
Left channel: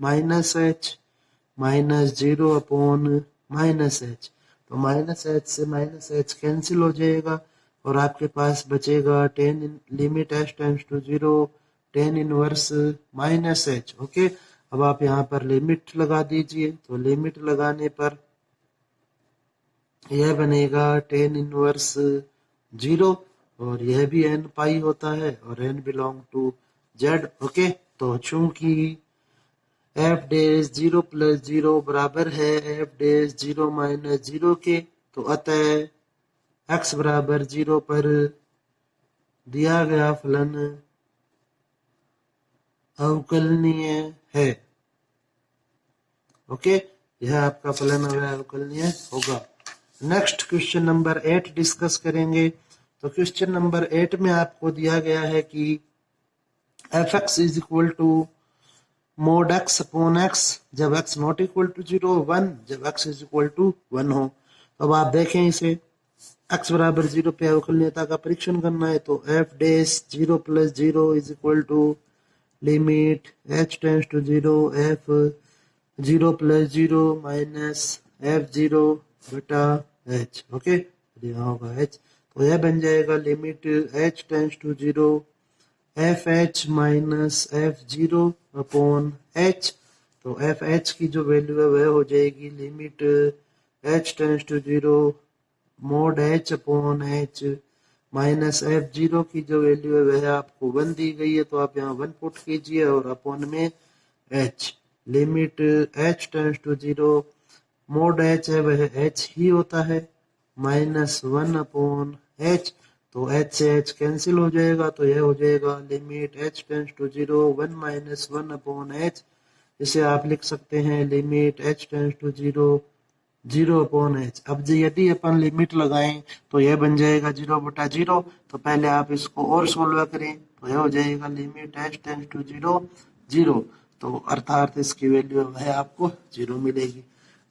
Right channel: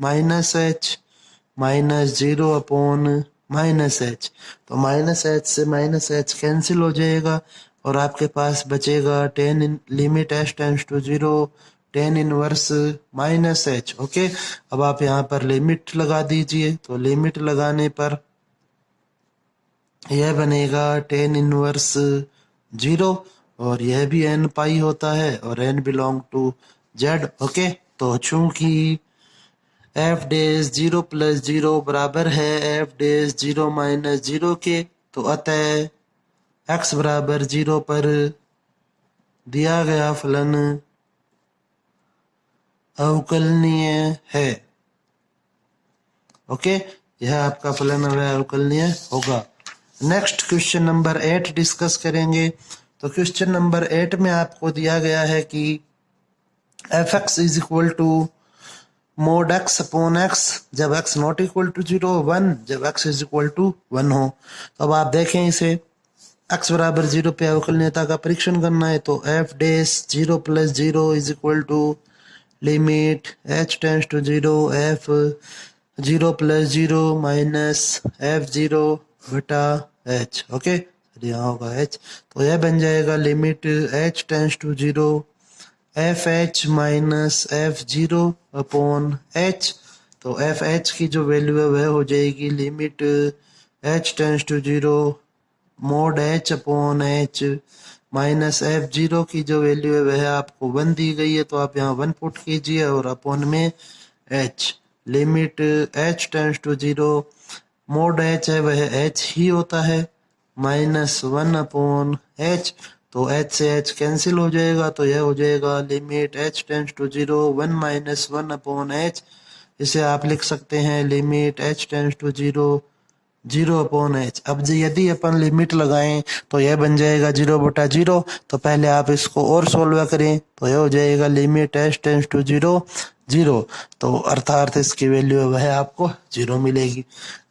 minus h minus zero upon minus h. तो माइनस एच से माइनस एच कैंसिल हो जाएगा और आपके पास बचेगा tan limit H tends to zero tan inverse minus h. Okay, अब आप यहाँ पर लिमिट लगा दीजिए। तो लिमिट लगाने पर यह बनेगा टेन इनवर्स जीरो, और यह भी एन पाई होता है और n belong to Z. Okay, तो चूंकि f dash zero plus zero बराबर है f dash zero minus zero के, तो अतः एक्स बराबर जीरो पर दिया गया फलन अवकलनीय है। ओके, यह आपका फलन अवकलनीय होगा। नेक्स्ट क्वेश्चन नंबर 8 डिस्कस करेंगे। तो क्वेश्चन नंबर 8 में आपको दिया गया है कि f x is equal to mod x upon x जब x not equal to zero, one जब x is equal to one हो। तो अब आप देखें इसे, एक्स बराबर जीरो पे अवकलनीयता का परीक्षण करना है। तो f dash zero plus zero is equal to limit H tends to zero f zero plus zero minus f zero बटा एच। ओके, यहाँ होगा एच, तो यह बन जाएगा limit H tends to zero f h minus f zero upon h. तो f h की जो वैल्यू है वह हो जाएगी limit H tends to zero mod h upon h minus f zero की जो वैल्यू है वह आपको वन दी गई है, तो आप यहाँ वन पुट कीजिए और अपॉन में h. Limit H tends to zero mod h है वह एच ही होता है माइनस वन अपॉन एच। तो एच से एच कैंसिल हो जाएगा, तो यह हो जाएगा limit H tends to zero one minus one upon h. इसे आप लिख सकते हैं limit H tends to zero zero upon H. अब यदि अपन लिमिट लगाएं तो यह बन जाएगा जीरो बटा जीरो। तो पहले आप इसको और सोल्व करें, तो यह हो जाएगा limit H tends to zero zero, तो अर्थात इसकी वैल्यू वह आपको जीरो मिलेगी।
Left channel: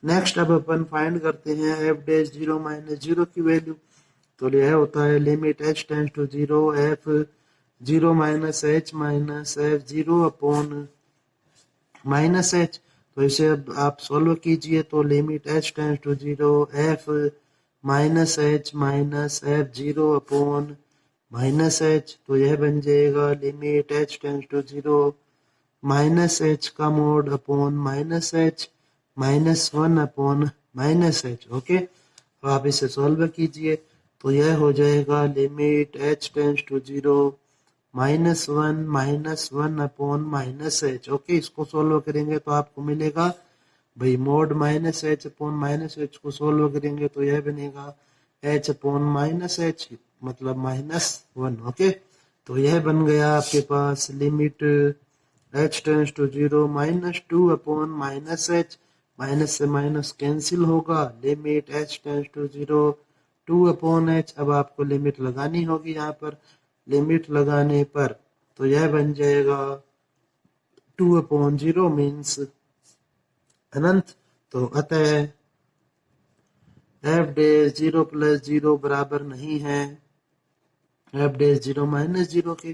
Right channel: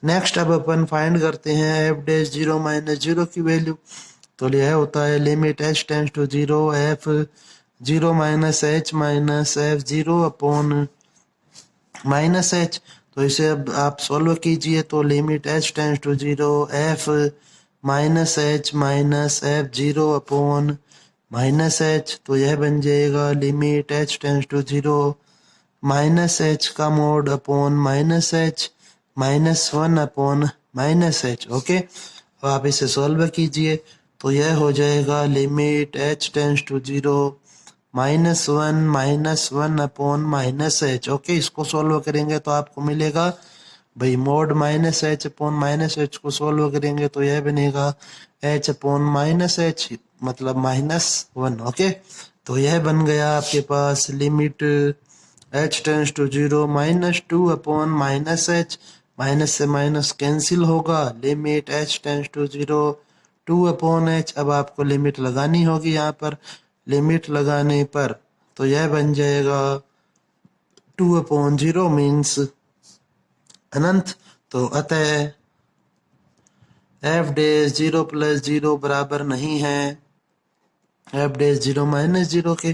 नेक्स्ट अब अपन फाइंड करते हैं f dash zero minus zero की वैल्यू। तो यह होता है limit H tends to zero f zero minus f zero upon minus h. तो इसे अब आप सोल्व कीजिए, तो limit H tends to zero f minus f zero upon minus h. तो यह बन जाएगा limit H tends to zero minus h का mod upon minus h minus one upon minus h. Okay, अब आप इसे सॉल्व कीजिए, तो यह हो जाएगा limit h tends to 0 -1 upon minus h. Okay, इसको सॉल्व करेंगे तो आपको मिलेगा भाई mod minus h upon minus h को सॉल्व करेंगे तो यह बनेगा एच अपॉन माइनस एच, मतलब -1। ओके, तो यह बन गया आपके पास limit H tends to 0 -2 upon minus h, minus से माइनस कैंसिल होगा, limit H tends to 0 2 upon H. अब आपको लिमिट लगानी होगी यहाँ पर, लिमिट लगाने पर तो यह बन जाएगा 2 अपॉन 0 मीन्स अनंत। तो अतः एफ डेज 0 + 0 बराबर नहीं है एफ डेज 0 - 0 के,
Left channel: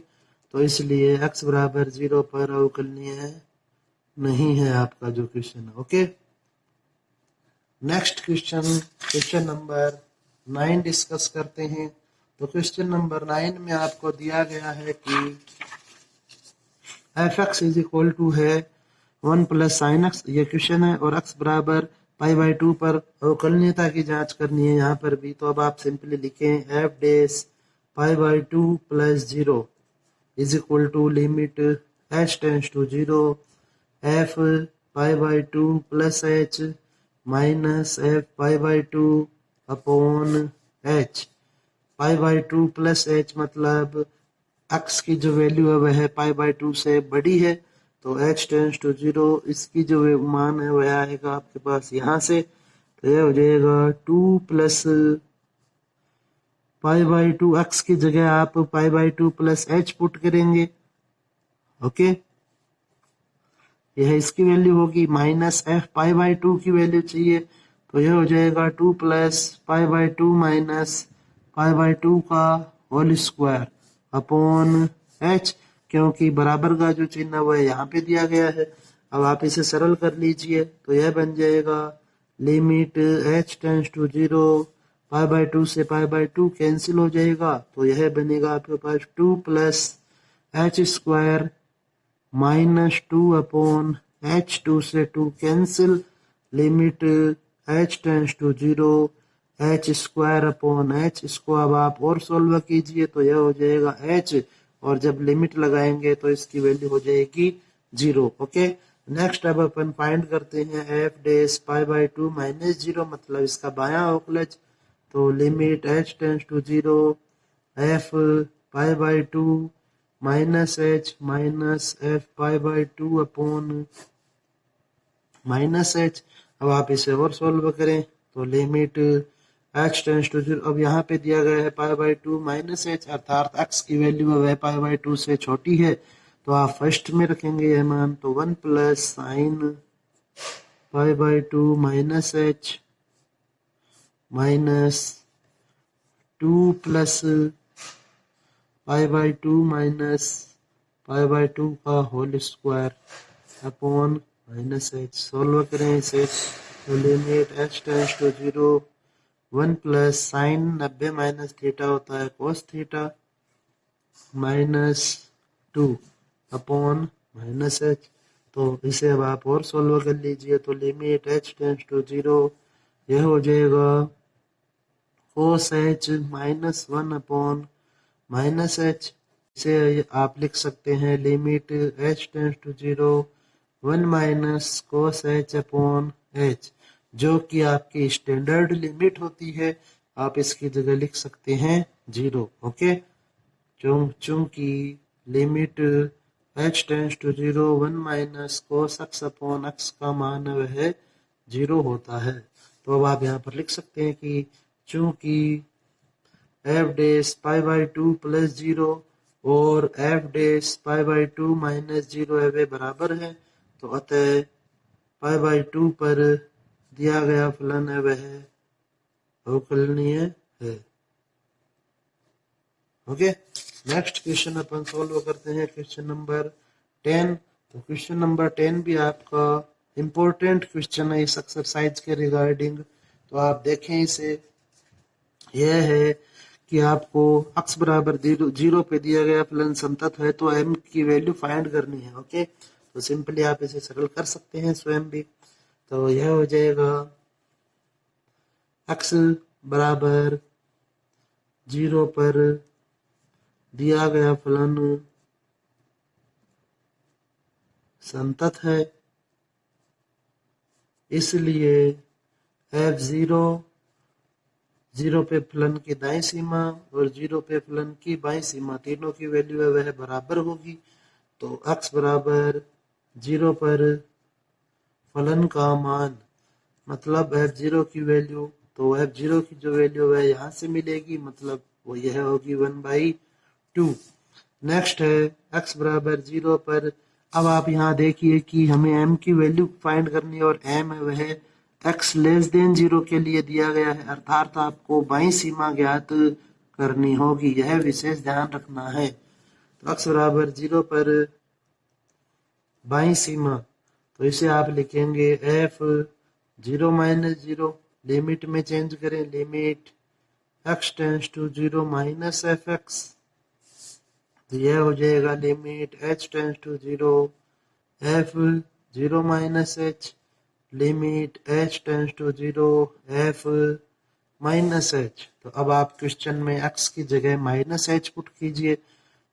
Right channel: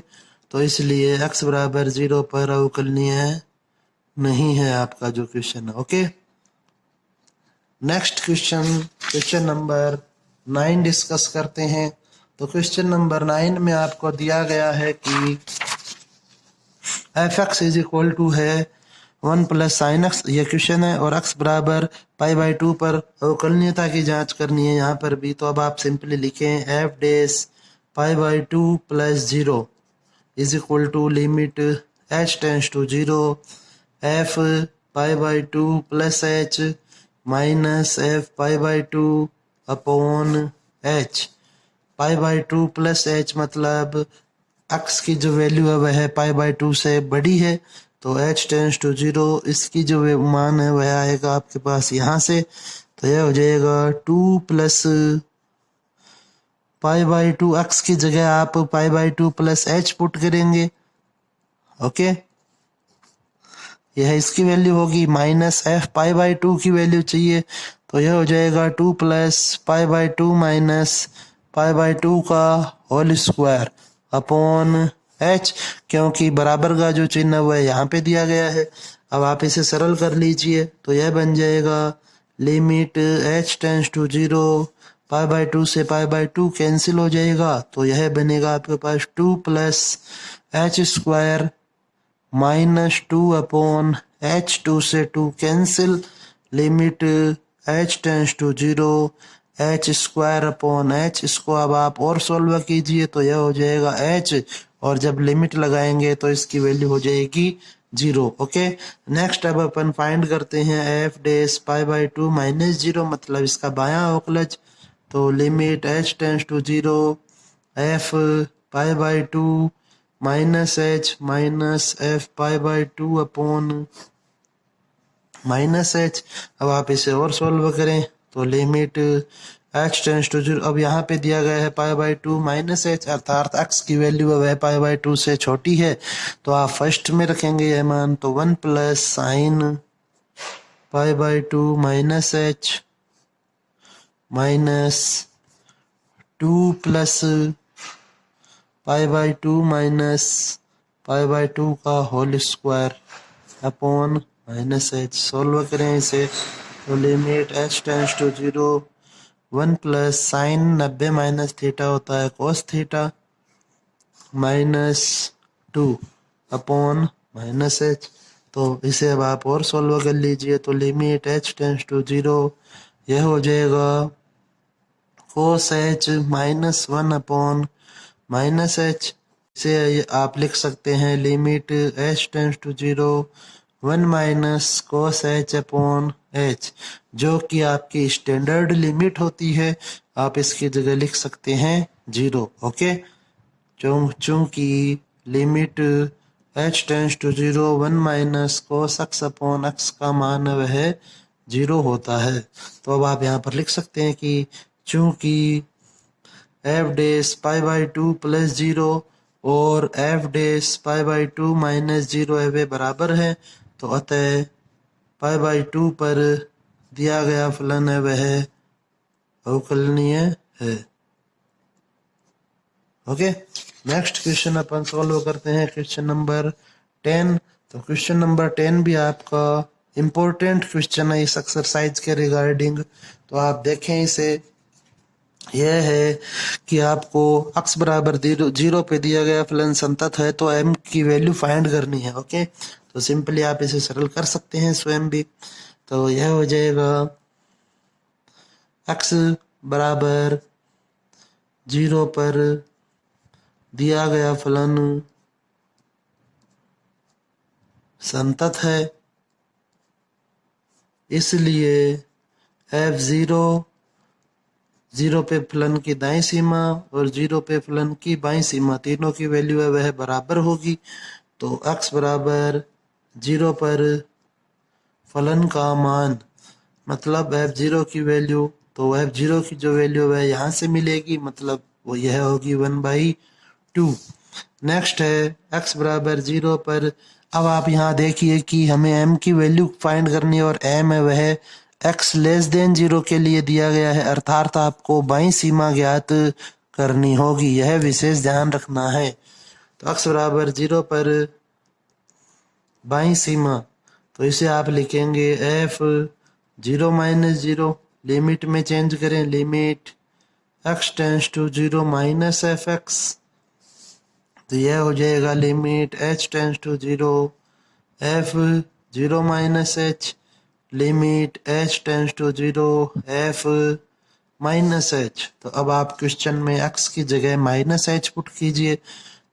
तो इसलिए x बराबर 0 पर अवकलनीय नहीं है आपका जो क्वेश्चन है। Okay, next question, question number 9 discuss करते हैं। तो क्वेश्चन नंबर 9 में आपको दिया गया है कि f x is equal to है 1 + sin x, ये क्वेश्चन है, और x बराबर π/2 पर अवकलनीयता की जांच करनी है यहाँ पर भी। तो अब आप सिंपली लिखें f dash π/2 + 0 is equal to limit h tends to 0 f π/2 + h minus f π/2 upon h। π/2 + h मतलब x की जो वैल्यू है वह π/2 से बड़ी है, तो h टेंस टू 0 इसकी जो मान है वह आएगा आपके पास यहाँ से। तो यह हो जाएगा 2 + π/2, x की जगह आप π/2 + h पुट करेंगे। ओके, यह इसकी वैल्यू होगी, माइनस f π/2 की वैल्यू चाहिए, तो यह हो जाएगा 2 + π/2 माइनस π/2 का होल स्क्वायर अपॉन h, क्योंकि बराबर का जो चिन्ह हुआ है यहाँ पे दिया गया है। अब आप इसे सरल कर लीजिए तो यह बन जाएगा लिमिट h टेंस टू 0 π/2 से π/2 कैंसिल हो जाएगा, तो यह बनेगा आपके पास 2 + h² -2 अपॉन h, 2 से 2 cancel, limit h tends to 0 h² upon h। इसको अब आप और सॉल्व कीजिए तो यह हो जाएगा h, और जब लिमिट लगाएंगे तो इसकी वैल्यू हो जाएगी 0। ओके, नेक्स्ट अब अपन फाइंड करते हैं f डेस π/2 - 0, मतलब इसका बायां अवकलज। तो limit h tends to 0 f π/2 -h minus f π/2 upon -h। अब आप इसे और सॉल्व करें तो लिमिट h टेंस टू 0, अब यहाँ पे दिया गया है π/2 -h, अर्थात x की वैल्यू है वह π/2 से छोटी है, तो आप फर्स्ट में रखेंगे यह मान, तो 1 + sin π/2 -h माइनस 2 + π/2 माइनस π/2 का whole square upon -h। Solve करें इसे तो limit h tends to 0 1 + sin 90 - theta होता है cos थीटा -2 अपॉन -h। तो इसे अब आप और सॉल्व कर लीजिए तो लिमिट h टेंस टू 0 यह हो जाएगा cos h -1 अपॉन -h। इसे आप लिख सकते हैं limit h tends to 0 1 minus cos h upon h, जो कि आपकी स्टैंडर्ड लिमिट होती है। आप इसकी जगह लिख सकते हैं 0। ओके, चूंकि limit h tends to 0 1 minus cos x upon x का मान वह 0 होता है, तो अब आप यहाँ पर लिख सकते हैं कि चूंकि f डेस π/2 + 0 और f डेस π/2 - 0 है वे बराबर है, तो अतः π/2 पर दिया गया फलन है वह अवकलनीय है। ओके, नेक्स्ट क्वेश्चन अपन सॉल्व करते हैं, क्वेश्चन नंबर 10। तो क्वेश्चन नंबर 10 भी आपका इम्पोर्टेंट क्वेश्चन है इस एक्सरसाइज के रिगार्डिंग। तो आप देखें इसे, यह है कि आपको x बराबर 0 पे दिया गया फलन संतत है तो m की वैल्यू फाइंड करनी है। ओके, तो सिंपली आप इसे सरल कर सकते हैं स्वयं भी। तो यह हो जाएगा x बराबर 0 पर दिया गया फलन संतत है, इसलिए f0 0 पे फलन की दाईं सीमा और 0 पे फलन की बाईं सीमा तीनों की वैल्यू है वह बराबर होगी। तो x बराबर 0 पर फलन का मान मतलब f0 की वैल्यू, तो f0 की जो वैल्यू है यहाँ से मिलेगी, मतलब वो यह होगी 1/2। नेक्स्ट है x बराबर 0 पर। अब आप यहाँ देखिए कि हमें m की वैल्यू फाइंड करनी है और m है वह x लेस देन 0 के लिए दिया गया है, अर्थात आपको बाईं सीमा ज्ञात करनी होगी, यह विशेष ध्यान रखना है। तो x बराबर 0 पर बाईं सीमा, तो इसे आप लिखेंगे f0 माइनस 0, लिमिट में चेंज करें, limit x tends to 0 minus fx, तो यह हो जाएगा limit h tends to 0 f0 minus h, limit h tends to 0 f minus h। तो अब आप क्वेश्चन में x की जगह माइनस h पुट कीजिए,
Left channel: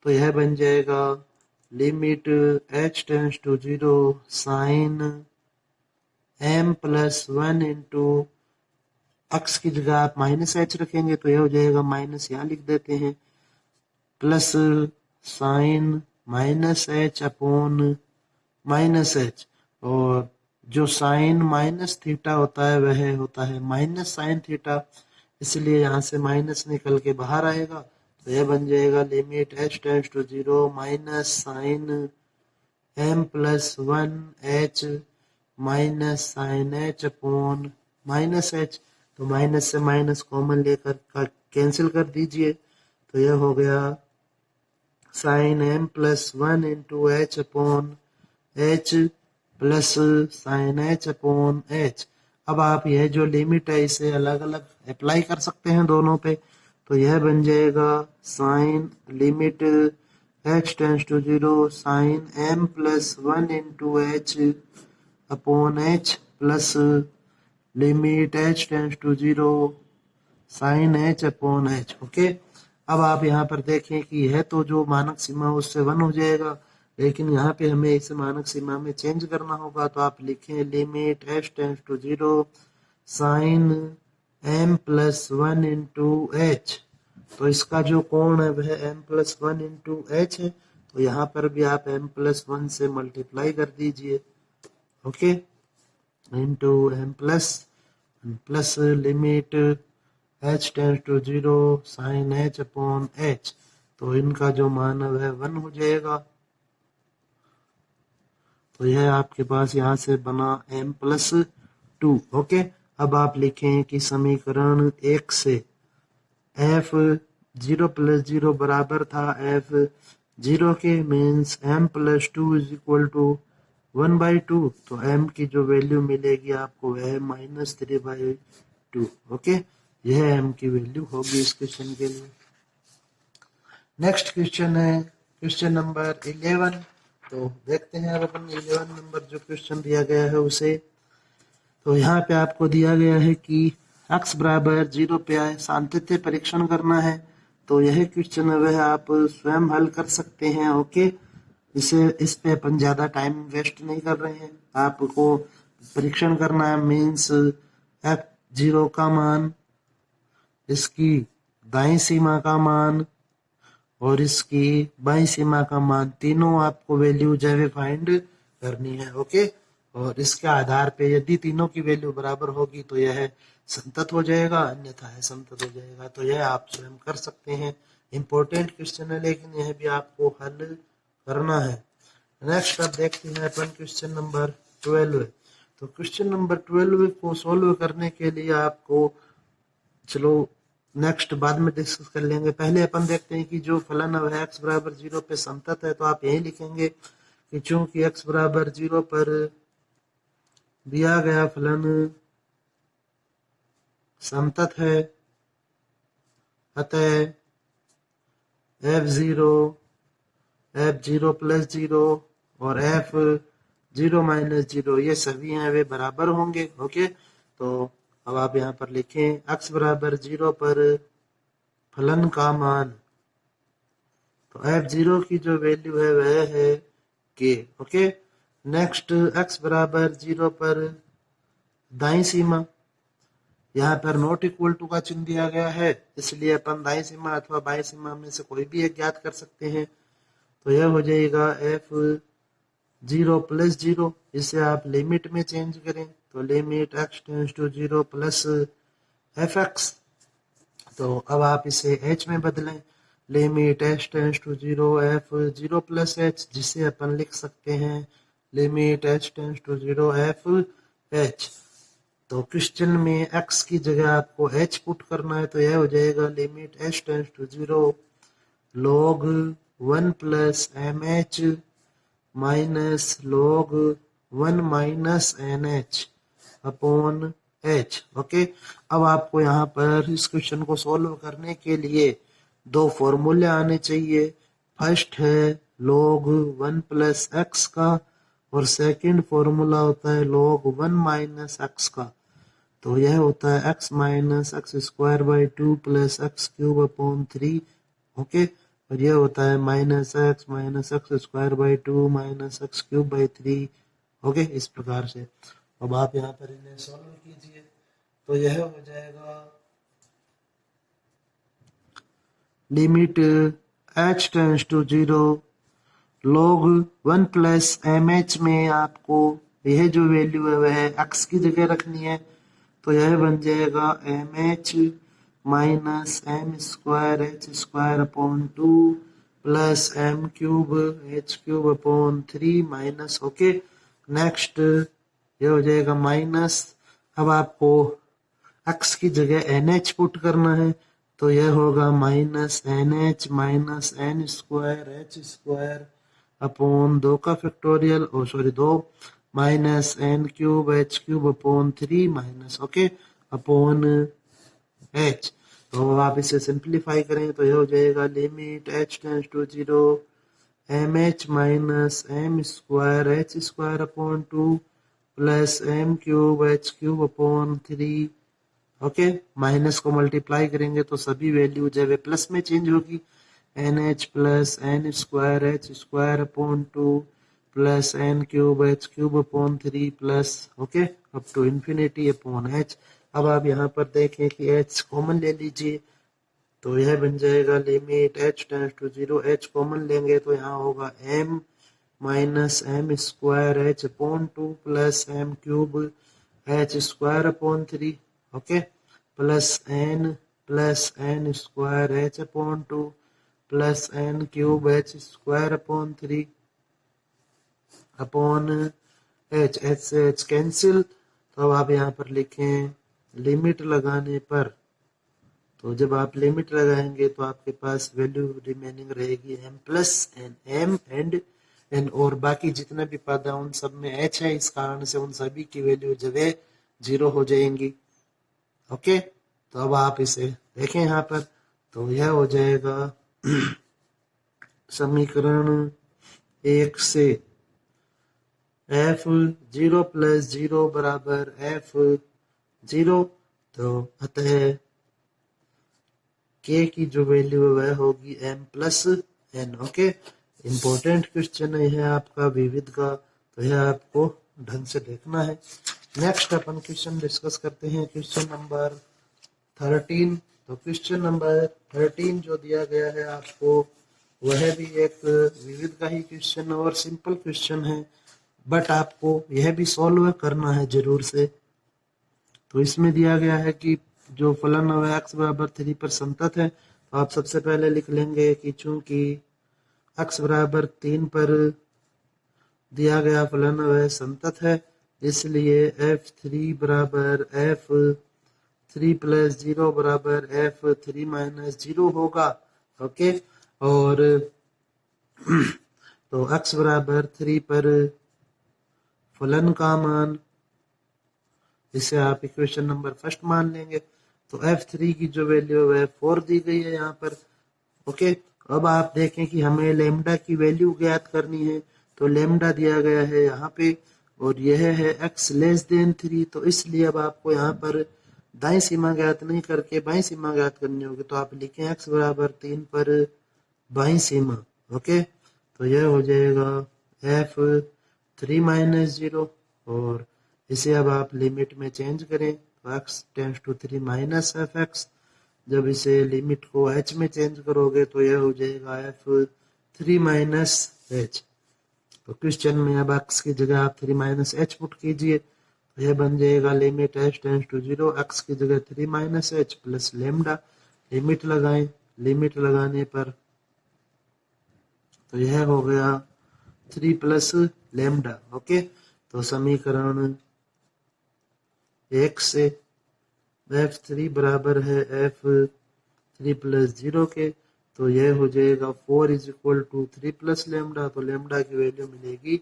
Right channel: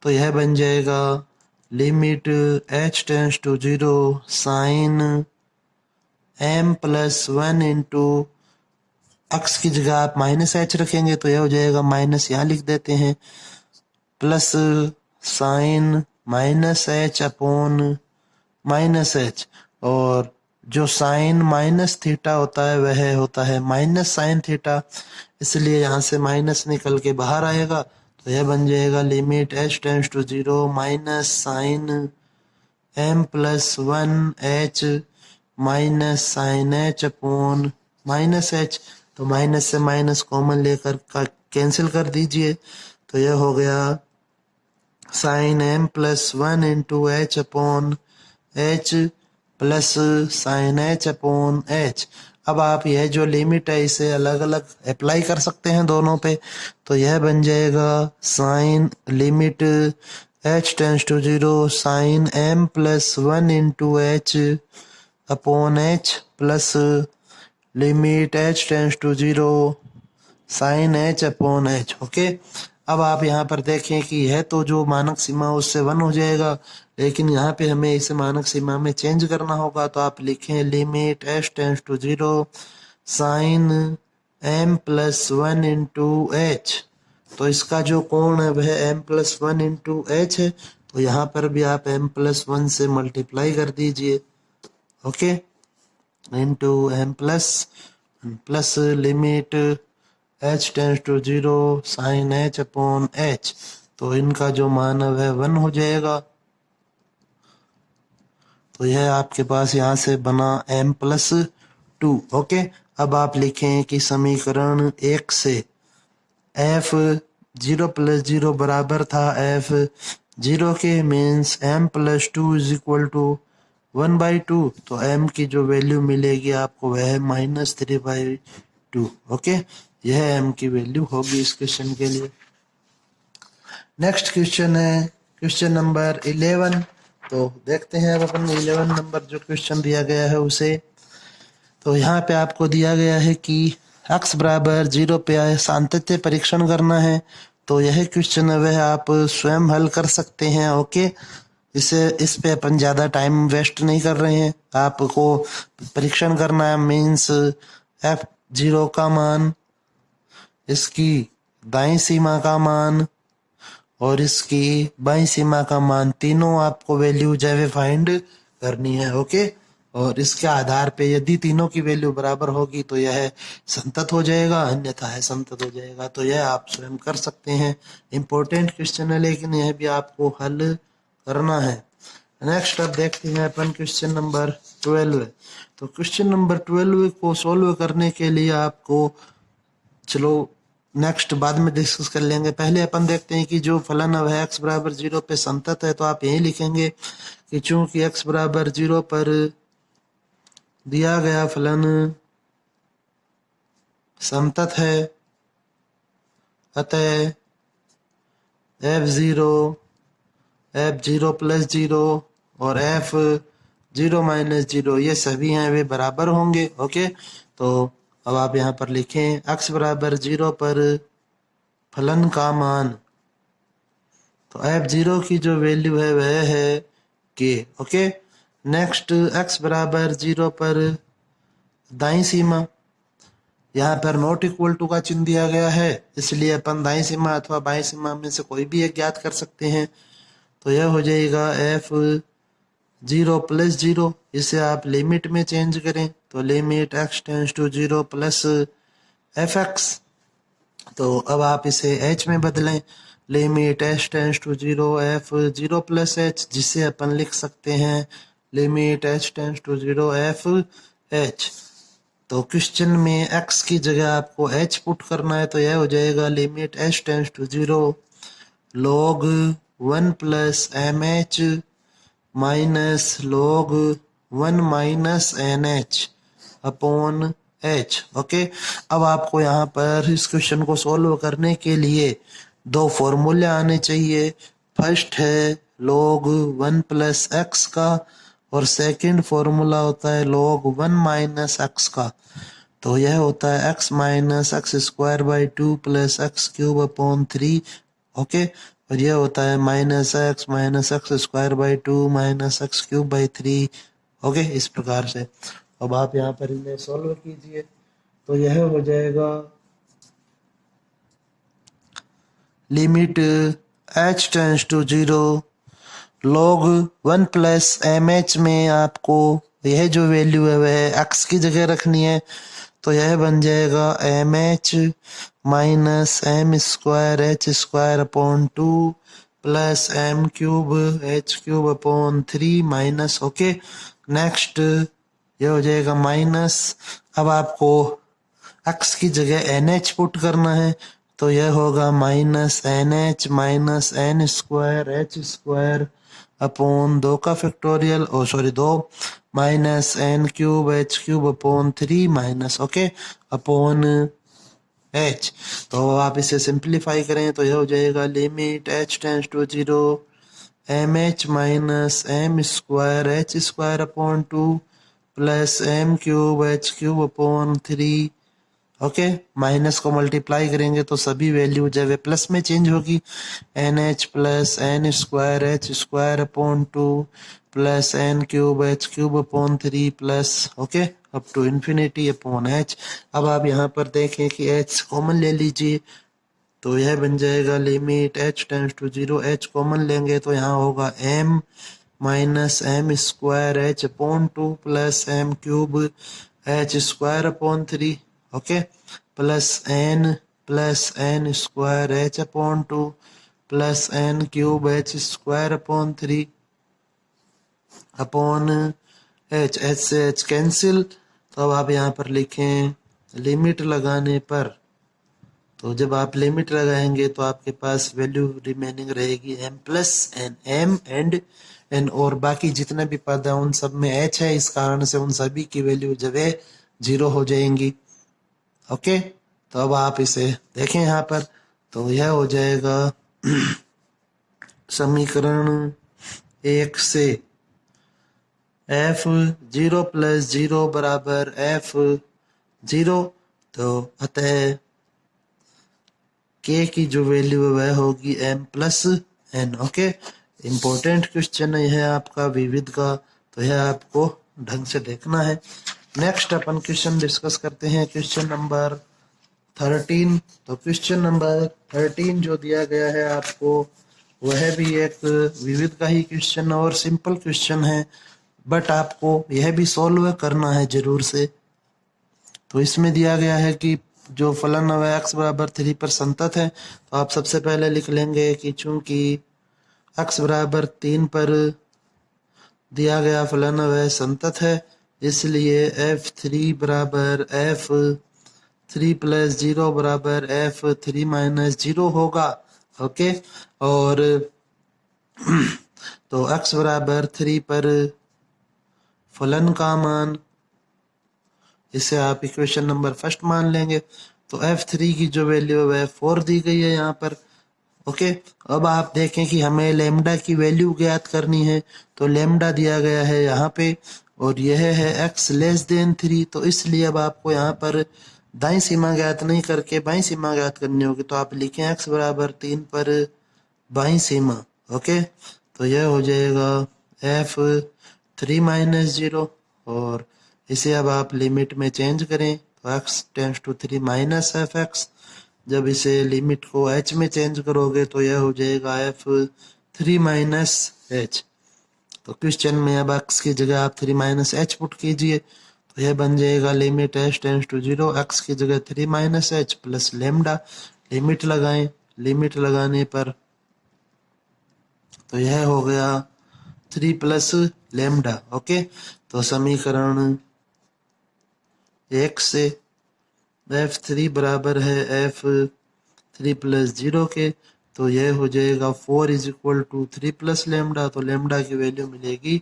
तो यह बन जाएगा limit h tends to 0 sine m plus 1 into x की जगह आप माइनस h रखेंगे तो यह हो जाएगा, माइनस यहाँ लिख देते हैं, plus sign minus h upon minus h, और जो साइन माइनस थीटा होता है वह होता है माइनस साइन थीटा, इसलिए यहाँ से माइनस निकल के बाहर आएगा, तो यह बन जाएगा limit h tends to 0 minus sine m plus 1h minus sine h upon minus h। तो माइनस से माइनस कॉमन लेकर कैंसिल कर दीजिए, तो यह हो गया sine m plus 1 into h upon h plus sine h upon h। अब आप यह जो लिमिट है इसे अलग अलग अप्लाई कर सकते हैं दोनों पे, तो यह बन जाएगा sine limit h tends to 0 sine m plus 1 into h upon h plus limit h tends to 0 sine h upon h। Okay, अब आप यहाँ पर देखें कि यह तो जो मानक सीमा है उससे 1 हो जाएगा, लेकिन यहाँ पे हमें इसे मानक सीमा में चेंज करना होगा, तो आप लिखें limit h tends to 0 sine m plus 1 into h। तो इसका जो कोण है वह m प्लस 1 इंटू h है, तो यहाँ पर भी आप m प्लस 1 से मल्टीप्लाई कर दीजिए, okay, into m plus plus limit h tends to 0 sine h upon h, तो इनका जो मान है वह 1 हो जाएगा। तो यह आपके पास यहाँ से बना m प्लस 2। ओके, अब आप लिखें कि समीकरण 1 से f0 प्लस 0 बराबर था f0 के, means m plus 2 is equal to 1/2, तो m की जो वैल्यू मिलेगी आपको वह -3/2। ओके, यह m की वैल्यू होगी इस क्वेश्चन के लिए। नेक्स्ट क्वेश्चन है क्वेश्चन नंबर 11। तो देखते हैं अब अपन 11 नंबर जो क्वेश्चन दिया गया है उसे। तो यहाँ पे आपको दिया गया है कि x बराबर 0 पे सातत्य परीक्षण करना है, तो यह क्वेश्चन है वह आप स्वयं हल कर सकते हैं। ओके, इस पे अपन ज़्यादा टाइम वेस्ट नहीं कर रहे हैं, आपको परीक्षण करना है, मीन्स f0 का मान, इसकी दाईं सीमा का मान और इसकी बाईं सीमा का मान, तीनों आपको वैल्यू जो है फाइंड करनी है। ओके, और इसके आधार पे यदि तीनों की वैल्यू बराबर होगी तो यह संतत हो जाएगा, अन्यथा है संतत हो जाएगा। तो यह आप स्वयं कर सकते हैं, इम्पोर्टेंट क्वेश्चन है लेकिन यह भी आपको हल करना है। नेक्स्ट अब देखते हैं अपन क्वेश्चन नंबर 12। तो क्वेश्चन नंबर 12 को सोल्व करने के लिए आपको, चलो नेक्स्ट बाद में डिस्कस कर लेंगे, पहले अपन देखते हैं कि जो फलन है वह x बराबर 0 पे संतत है। तो आप यही लिखेंगे कि चूंकि x बराबर 0 पर दिया गया फलन संतत है, अतः f0 f0 प्लस 0 और f0 माइनस 0 ये सभी हैं वे बराबर होंगे। ओके, तो अब आप यहाँ पर लिखें x बराबर 0 पर फलन का मान, तो f0 की जो वैल्यू है वह है k। ओके, नेक्स्ट x बराबर 0 पर दाईं सीमा, यहाँ पर नॉट इक्वल टू का चिन्ह दिया गया है, इसलिए अपन दाईं सीमा अथवा बाईं सीमा में से कोई भी एक ज्ञात कर सकते हैं। तो यह हो जाएगा f0 प्लस 0, इसे आप लिमिट में चेंज करें तो limit x tends to 0 plus fx। तो अब आप इसे h में बदलें, limit h tends to 0 f0 plus h, जिसे अपन लिख सकते हैं limit h tends to 0 fh। तो क्वेश्चन में x की जगह आपको h पुट करना है, तो यह हो जाएगा limit h tends to 0 log 1 plus M H minus log 1 minus N H upon H. Okay, अब आपको यहाँ पर इस क्वेश्चन को सॉल्व करने के लिए दो फॉर्मूले आने चाहिए। फर्स्ट है log 1 प्लस एक्स का और सेकंड फॉर्मूला होता है log 1 माइनस एक्स का। तो यह होता है x minus x square by 2 plus x cube upon 3। Okay, और यह होता है minus x square by 2 minus x cube by 3। Okay, इस प्रकार से अब आप यहाँ पर इन्हें सॉल्व कीजिए, तो यह हो जाएगा limit h tends to 0 log 1 plus M H में आपको यह जो वैल्यू है वह x की जगह रखनी है, तो यह बन जाएगा M H minus M square H square upon 2 plus M cube H cube upon 3 minus. Okay, next ये हो जाएगा माइनस, अब आपको x की जगह एन एच पुट करना है, तो यह होगा minus N h minus n square H square upon 2 का factorial, oh sorry 2 minus n cube H cube upon 3 minus okay upon h. तो आप इसे सिंप्लीफाई करें तो यह हो जाएगा limit H tends to 0 m H minus M square H square upon 2 plus M cube H cube upon 3। Okay, minus को multiply करेंगे तो सभी वैल्यू जब वे प्लस में चेंज होगी, N H plus N square H square upon 2 plus N cube H cube upon 3 plus okay up to infinity upon H. अब आप यहाँ पर देखें कि एच कॉमन ले लीजिए, तो यह बन जाएगा limit H tends to 0, H common लेंगे तो यहाँ होगा M minus M square H upon 2 plus M cube H square upon 3 okay plus N square H upon 2 plus N cube H square upon 3 upon H. H से H cancel, तो अब आप यहाँ पर लिखें लिमिट लगाने पर, तो जब आप लिमिट लगाएंगे तो आपके पास वैल्यू रिमेनिंग रहेगी m plus N, m and n, और बाकी जितने भी पद हैं उन सब में h है, इस कारण से उन सभी की वैल्यू जब है 0 हो जाएंगी। ओके, तो अब आप इसे देखें यहाँ पर, तो यह हो जाएगा समीकरण 1 से f0 प्लस 0 बराबर f0, तो अतः k की जो वैल्यू है वह होगी m plus n। Okay, important question है आपका विविध का, तो यह आपको ढंग से देखना है। नेक्स्ट अपन क्वेश्चन डिस्कस करते हैं, क्वेश्चन नंबर 13। तो क्वेश्चन नंबर 13 जो दिया गया है आपको वह भी एक विविध का ही क्वेश्चन और सिंपल क्वेश्चन है, बट आपको यह भी सॉल्व करना है जरूर से। तो इसमें दिया गया है कि जो फलन है x बराबर 3 पर संतत है, तो आप सबसे पहले लिख लेंगे कि चूंकि x बराबर 3 पर दिया गया फलन वह संतत है, इसलिए f3 बराबर f3 प्लस 0 बराबर f3 माइनस 0 होगा। ओके, और तो x बराबर 3 पर फलन का मान, इसे आप इक्वेशन नंबर फर्स्ट मान लेंगे, तो f3 की जो वैल्यू है वह 4 दी गई है यहाँ पर। ओके, अब आप देखें कि हमें लेमडा की वैल्यू ज्ञात करनी है, तो लेमडा दिया गया है यहाँ पे और यह है x लेस देन 3, तो इसलिए अब आपको यहाँ पर दाईं सीमा ज्ञात नहीं करके बाईं सीमा ज्ञात करनी होगी, तो आप लिखें x बराबर 3 पर बाईं सीमा। ओके, तो यह हो जाएगा f3 माइनस 0, और इसे अब आप लिमिट में चेंज करें तो x tends to 3 minus F X. जब इसे लिमिट को h में चेंज करोगे तो यह हो जाएगा f3 माइनस h। तो क्वेश्चन में अब x की जगह आप 3 माइनस h पुट कीजिए, तो यह बन जाएगा limit h tends to 0, x की जगह 3 minus h plus lambda. Limit लगाएं, लिमिट लगाने पर तो यह हो गया 3 प्लस लेमडा। ओके, तो समीकरण 1 से f3 बराबर है f3 प्लस 0 के, तो यह हो जाएगा 4 is equal to 3 plus lambda, तो लेमडा की वैल्यू मिलेगी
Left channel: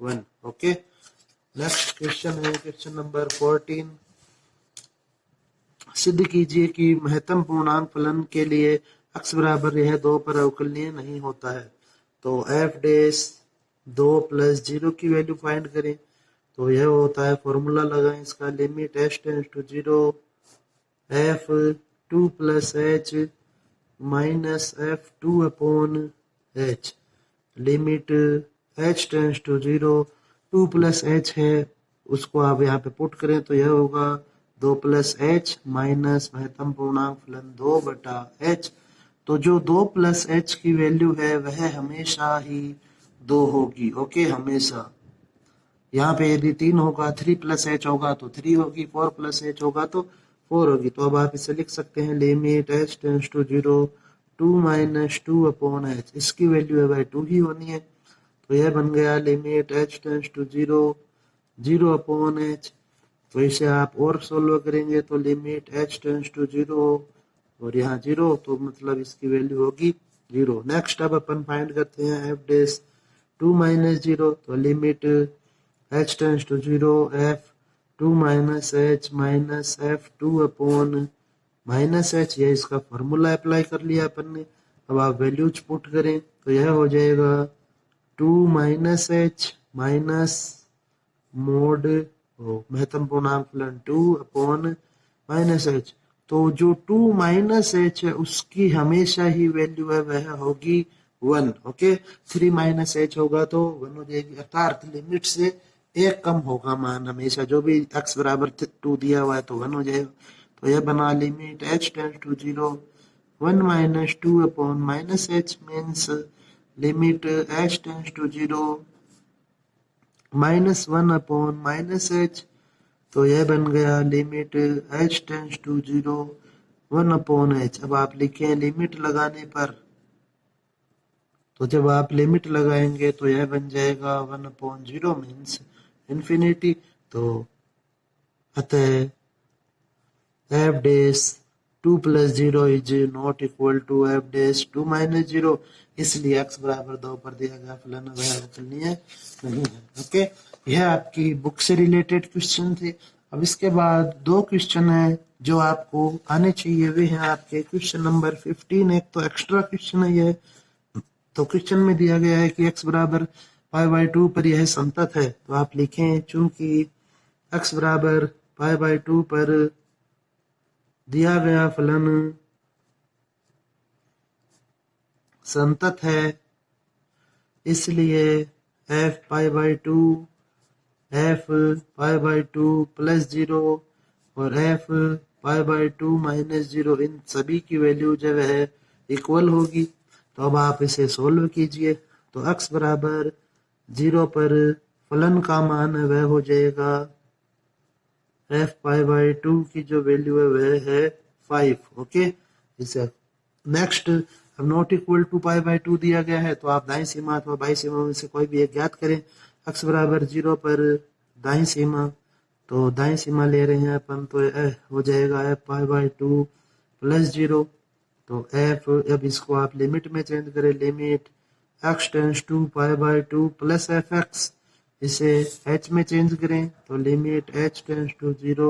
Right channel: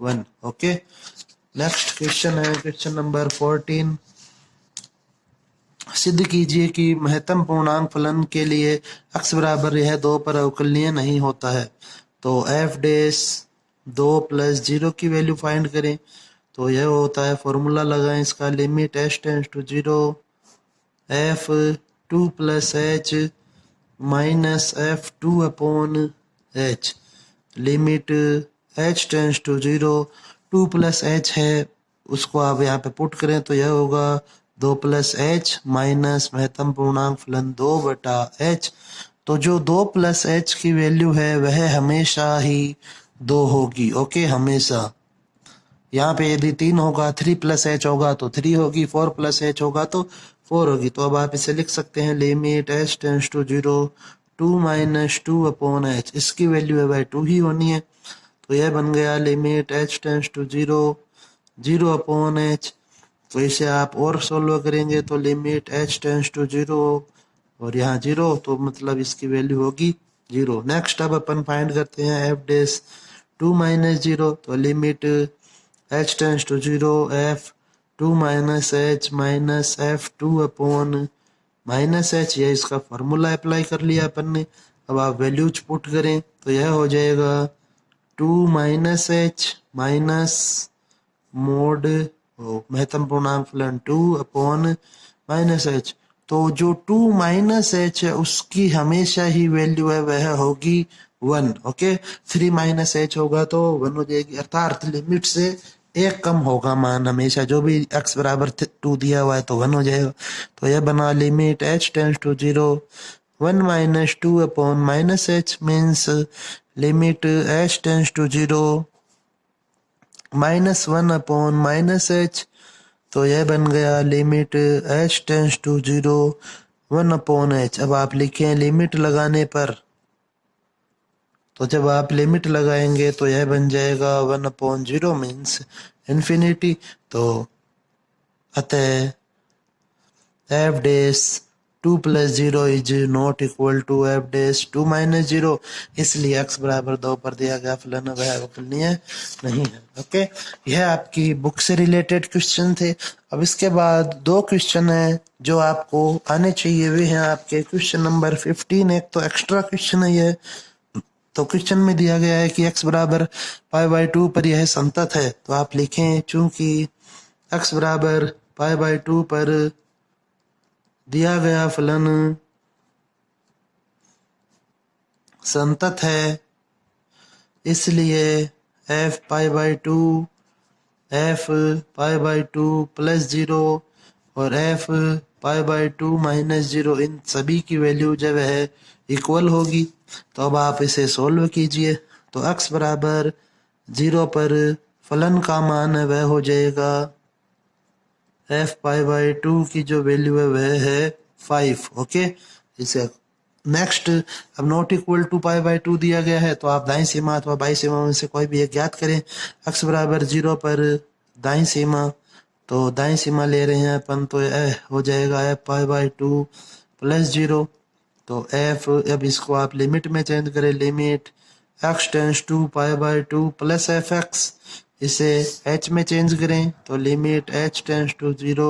1। ओके, नेक्स्ट क्वेश्चन है क्वेश्चन नंबर 14। सिद्ध कीजिए कि महत्तम पूर्णांक फलन के लिए x बराबर यह 2 पर अवकलनीय नहीं होता है। तो f डैश 2 प्लस 0 की वैल्यू फाइंड करें, तो यह होता है, फॉर्मूला लगाएं इसका, limit h tends to 0 f2 plus h minus f2 upon h। Limit h tends to 0, 2 plus h है उसको आप यहाँ पे पुट करें तो यह होगा 2 प्लस h माइनस महत्तम पूर्णांक फलन 2 बटा h। तो जो 2 प्लस h की वैल्यू है वह हमेशा ही 2 होगी। ओके, हमेशा। यहाँ पे यदि 3 होगा, 3 प्लस h होगा तो 3 होगी, 4 प्लस h होगा तो 4 होगी। तो अब आप इसे लिख सकते हैं, limit h tends to 0 2 minus 2 upon h, इसकी वैल्यू है भाई 2 ही होनी है। तो यह बन गया limit h tends to 0 0 upon h। तो इसे आप और सोल्व करेंगे तो लिमिट h टेंस टू 0 और यहाँ 0, तो मतलब इसकी वैल्यू होगी 0। नेक्स्ट अब अपन फाइंड करते हैं f डैश 2 माइनस 0, तो limit h tends to 0 f2 minus h minus f2 upon minus h, ये इसका फॉर्मूला अप्लाई कर लिया अपन ने। अब आप वैल्यूज पुट करें तो यह हो जाएगा 2 माइनस h माइनस मोड महत्तम पूर्णांक फलन 2 अपॉन माइनस h। तो जो 2 माइनस h है उसकी हमेशा ही वैल्यू है वह होगी 1। ओके, 3 माइनस h होगा तो 1 हो जाएगी, अर्थात लिमिट से एक कम होगा मान हमेशा। जो भी x बराबर 2 दिया हुआ है तो 1 हो जाएगा। तो यह बना limit h tends to 0 1 minus 2 upon minus h means limit h tends to 0 minus 1 upon minus h। तो यह बन गया limit h tends to 0 1 upon h। अब आप लिखें लिमिट लगाने पर, तो जब आप लिमिट लगाएंगे तो यह बन जाएगा 1 अपॉन 0 मीन्स इन्फिनिटी। तो अतः f dash 2 plus 0 is not equal to f dash 2 minus 0, इसलिए x बराबर 2 पर दिया गया फलन वह अवकलनीय नहीं है। ओके, यह आपकी बुक से रिलेटेड क्वेश्चन थे। अब इसके बाद 2 क्वेश्चन है जो आपको आने चाहिए, वे हैं आपके क्वेश्चन नंबर 15। एक तो एक्स्ट्रा क्वेश्चन है ये, तो क्वेश्चन में दिया गया है कि x बराबर पाई बाई 2 पर यह संतत है। तो आप लिखें, चूंकि x बराबर पाई बाई 2 पर दिया गया फलन संतत है, इसलिए f pi by 2 f pi by 2 plus 0 और f पाई बाई 2 माइनस 0 इन सभी की वैल्यू जब है इक्वल होगी। तो अब आप इसे सोल्व कीजिए, तो x बराबर 0 पर फलन का मान है वह हो जाएगा f पाई बाई 2 की जो वैल्यू है वह है 5। ओके, इसे नेक्स्ट, अब not equal to pi by 2 दिया गया है, तो आप दाईं सीमा अथवा बाईं सीमा में से कोई भी एक ज्ञात करें। x बराबर 0 पर दाईं सीमा, तो दाईं सीमा ले रहे हैं अपन, तो हो जाएगा f पाई बाई 2 प्लस 0। तो f, अब इसको आप लिमिट में चेंज करें, limit x tends to pi by 2 plus F X. इसे h में चेंज करें तो limit h tends to 0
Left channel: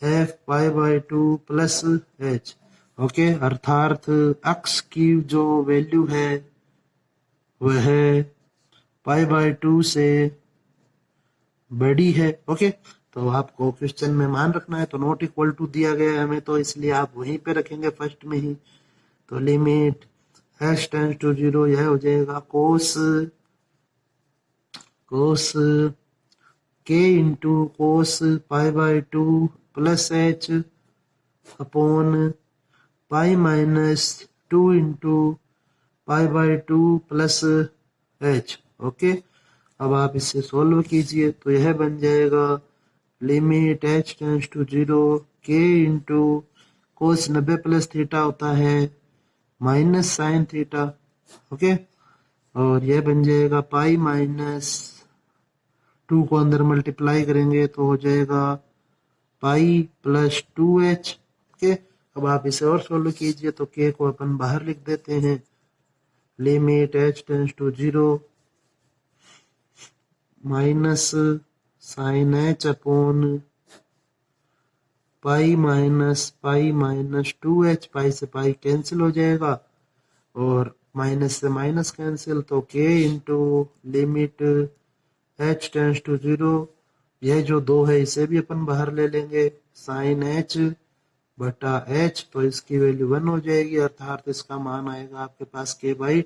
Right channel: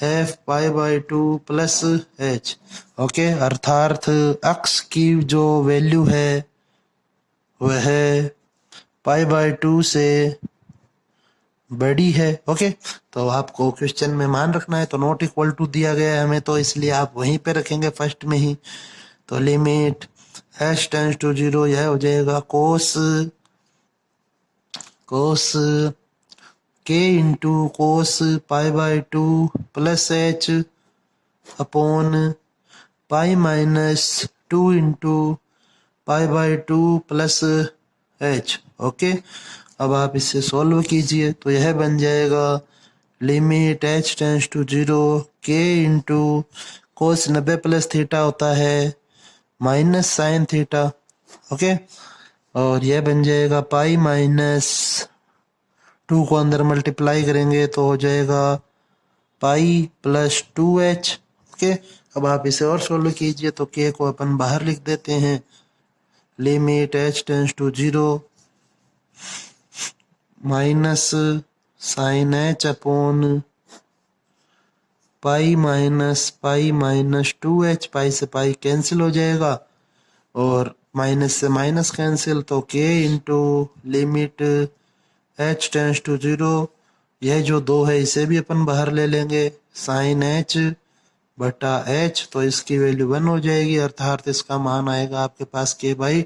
f pi by 2 plus h। Okay, अर्थात x की जो वैल्यू है वह पाई बाई 2 से बड़ी है। ओके, तो आपको क्वेश्चन में मान रखना है। तो नॉट इक्वल टू दिया गया है हमें, तो इसलिए आप वहीं पे रखेंगे फर्स्ट में ही। तो लिमिट h टेंस टू 0, यह हो जाएगा cos k into cos pi by 2 plus h upon pi minus 2 into pi by 2 plus h। Okay, अब आप इसे सॉल्व कीजिए तो यह बन जाएगा limit h tends to 0 k into cos 90 plus theta होता है माइनस साइन थीटा। ओके, और यह बन जाएगा पाई माइनस 2 को अंदर मल्टीप्लाई करेंगे तो हो जाएगा पाई प्लस 2h। ओके, अब आप इसे और सोल्व कीजिए तो k को अपन बाहर लिख देते हैं। Limit h tends to 0 minus sine h upon pi minus 2h, pi से पाई कैंसिल हो जाएगा और माइनस से माइनस कैंसिल, तो k into limit h tends to 0, यह जो 2 है इसे भी अपन बाहर ले लेंगे, साइन h बटा h, तो इसकी वैल्यू 1 हो जाएगी, अर्थात इसका मान आएगा आपके पास k by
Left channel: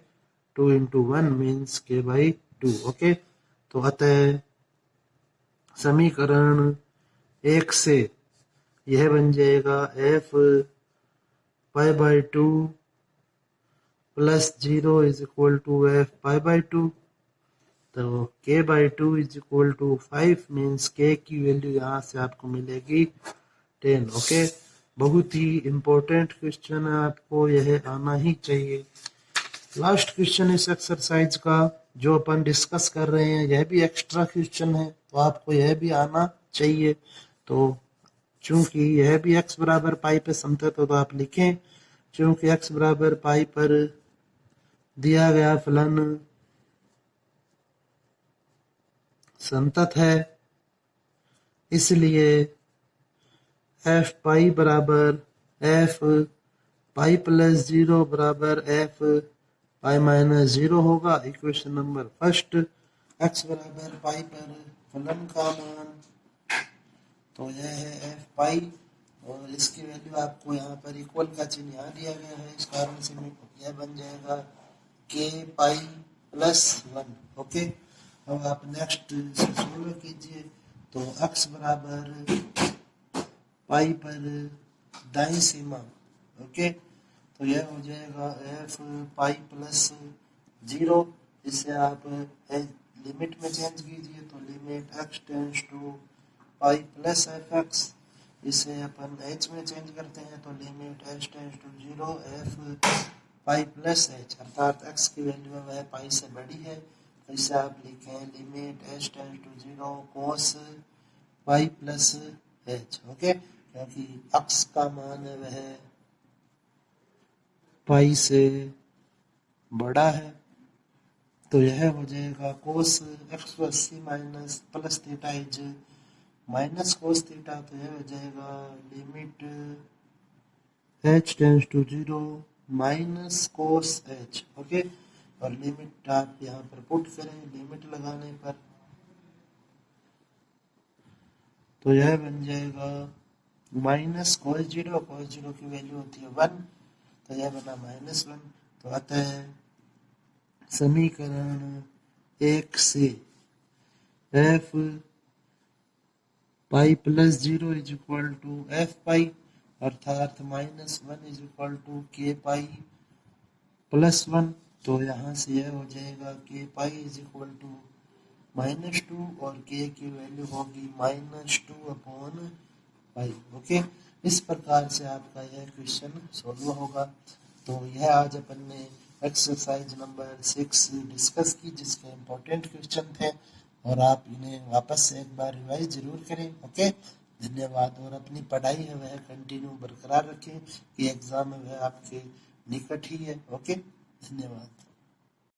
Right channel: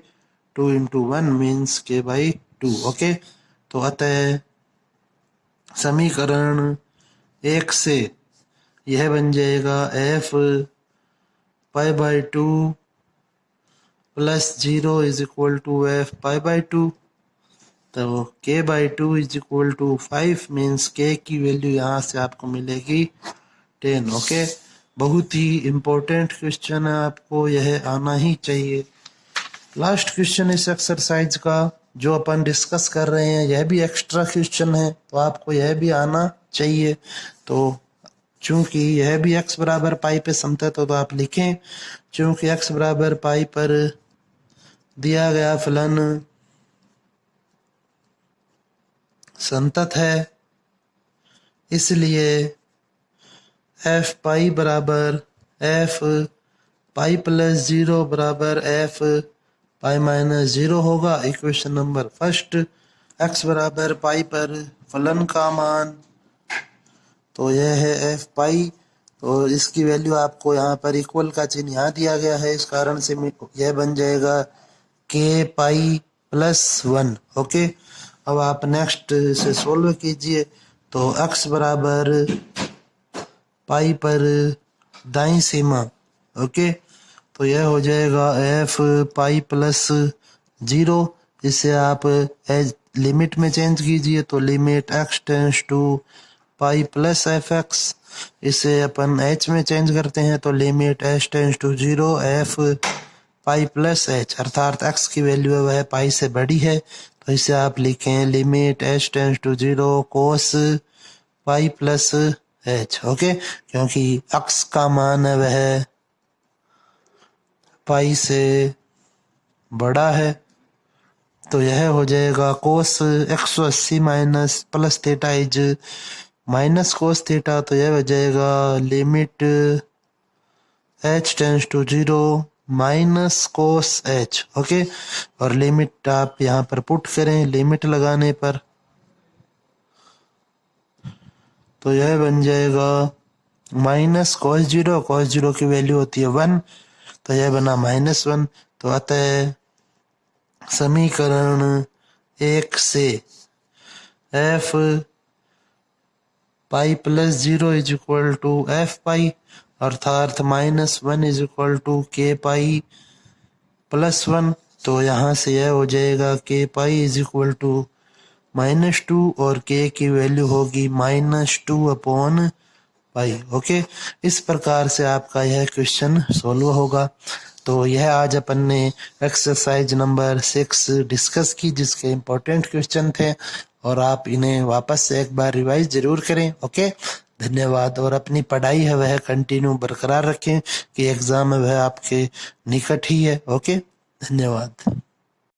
2 into 1 means k by 2। Okay, तो अतः समीकरण 1 से यह बन जाएगा f pi by 2 plus 0 is equal to F pi by 2, तो k by 2 is equal to 5 means k की वैल्यू यहाँ से आपको मिलेगी 10। ओके, बहुत ही इम्पोर्टेंट क्वेश्चन है, आपको यह आना ही चाहिए। लास्ट क्वेश्चन इस एक्सरसाइज का जो अपन डिस्कस कर रहे हैं यह भी एक्स्ट्रा क्वेश्चन है, तो आपको यह भी आना चाहिए। तो चूंकि यह भी x बराबर पाई पे समतल, तो आप लिखें चूंकि x बराबर पाई पर दिया गया फलन संतत है, इसलिए f पाई बराबर f पाई प्लस 0 बराबर f पाई माइनस 0 होगा। इक्वेशन नंबर फर्स्ट, x बराबर पाई पर फलन का मान, तो यह है f पाई, तो इसकी वैल्यू आपको यहाँ पर इक्वल का चिन्ह यहाँ दिया गया है, इस कारण से यह बन जाएगा k पाई प्लस 1। ओके, अब आप नेक्स्ट से सोल्व कीजिए तो x बराबर पाई पर दाईं सीमा। ओके, तो यह हो जाएगा f पाई प्लस 0, इसे आप एज लिमिट में चेंज कीजिए तो limit x tends to pi plus F X, इसे अपन h में चेंज करते हैं तो limit h tends to 0 f pi plus h, अर्थात x की वैल्यू है वह पाई से बड़ी है, तो इसे आप लिखें limit h tends to 0 cos pi plus h। Okay, क्योंकि x का मान है वह पाई से बड़ा है, तो यह हो जाएगा cos 180 minus plus theta is minus cos theta, तो यह हो जाएगा limit h tends to 0 minus cos h। Okay, और लिमिट आप यहाँ पर पुट करें, लिमिट लगाने पर तो यह बन जाएगा माइनस कोस 0 की वैल्यू होती है 1, तो यह बना -1। तो अतः समीकरण 1 से f pi plus 0 is equal to F pi, अर्थात -1 is equal to k pi plus 1, तो यहाँ से यह हो जाएगा k pi is equal to -2 और k की वैल्यू होगी -2 अपॉन पाई। ओके, इस प्रकार से आपका यह क्वेश्चन सोल्व होगा। तो यह आज अपन ने एक्सरसाइज नंबर 6 डिस्कस की, जिसके इम्पोर्टेंट क्वेश्चन थे, और आप इन्हें वापस से एक बार रिवाइज जरूर करें। ओके, धन्यवाद। और अपनी पढ़ाई है वह कंटिन्यू बरकरार रखें कि एग्ज़ाम है वह आपके निकट ही है। ओके, धन्यवाद।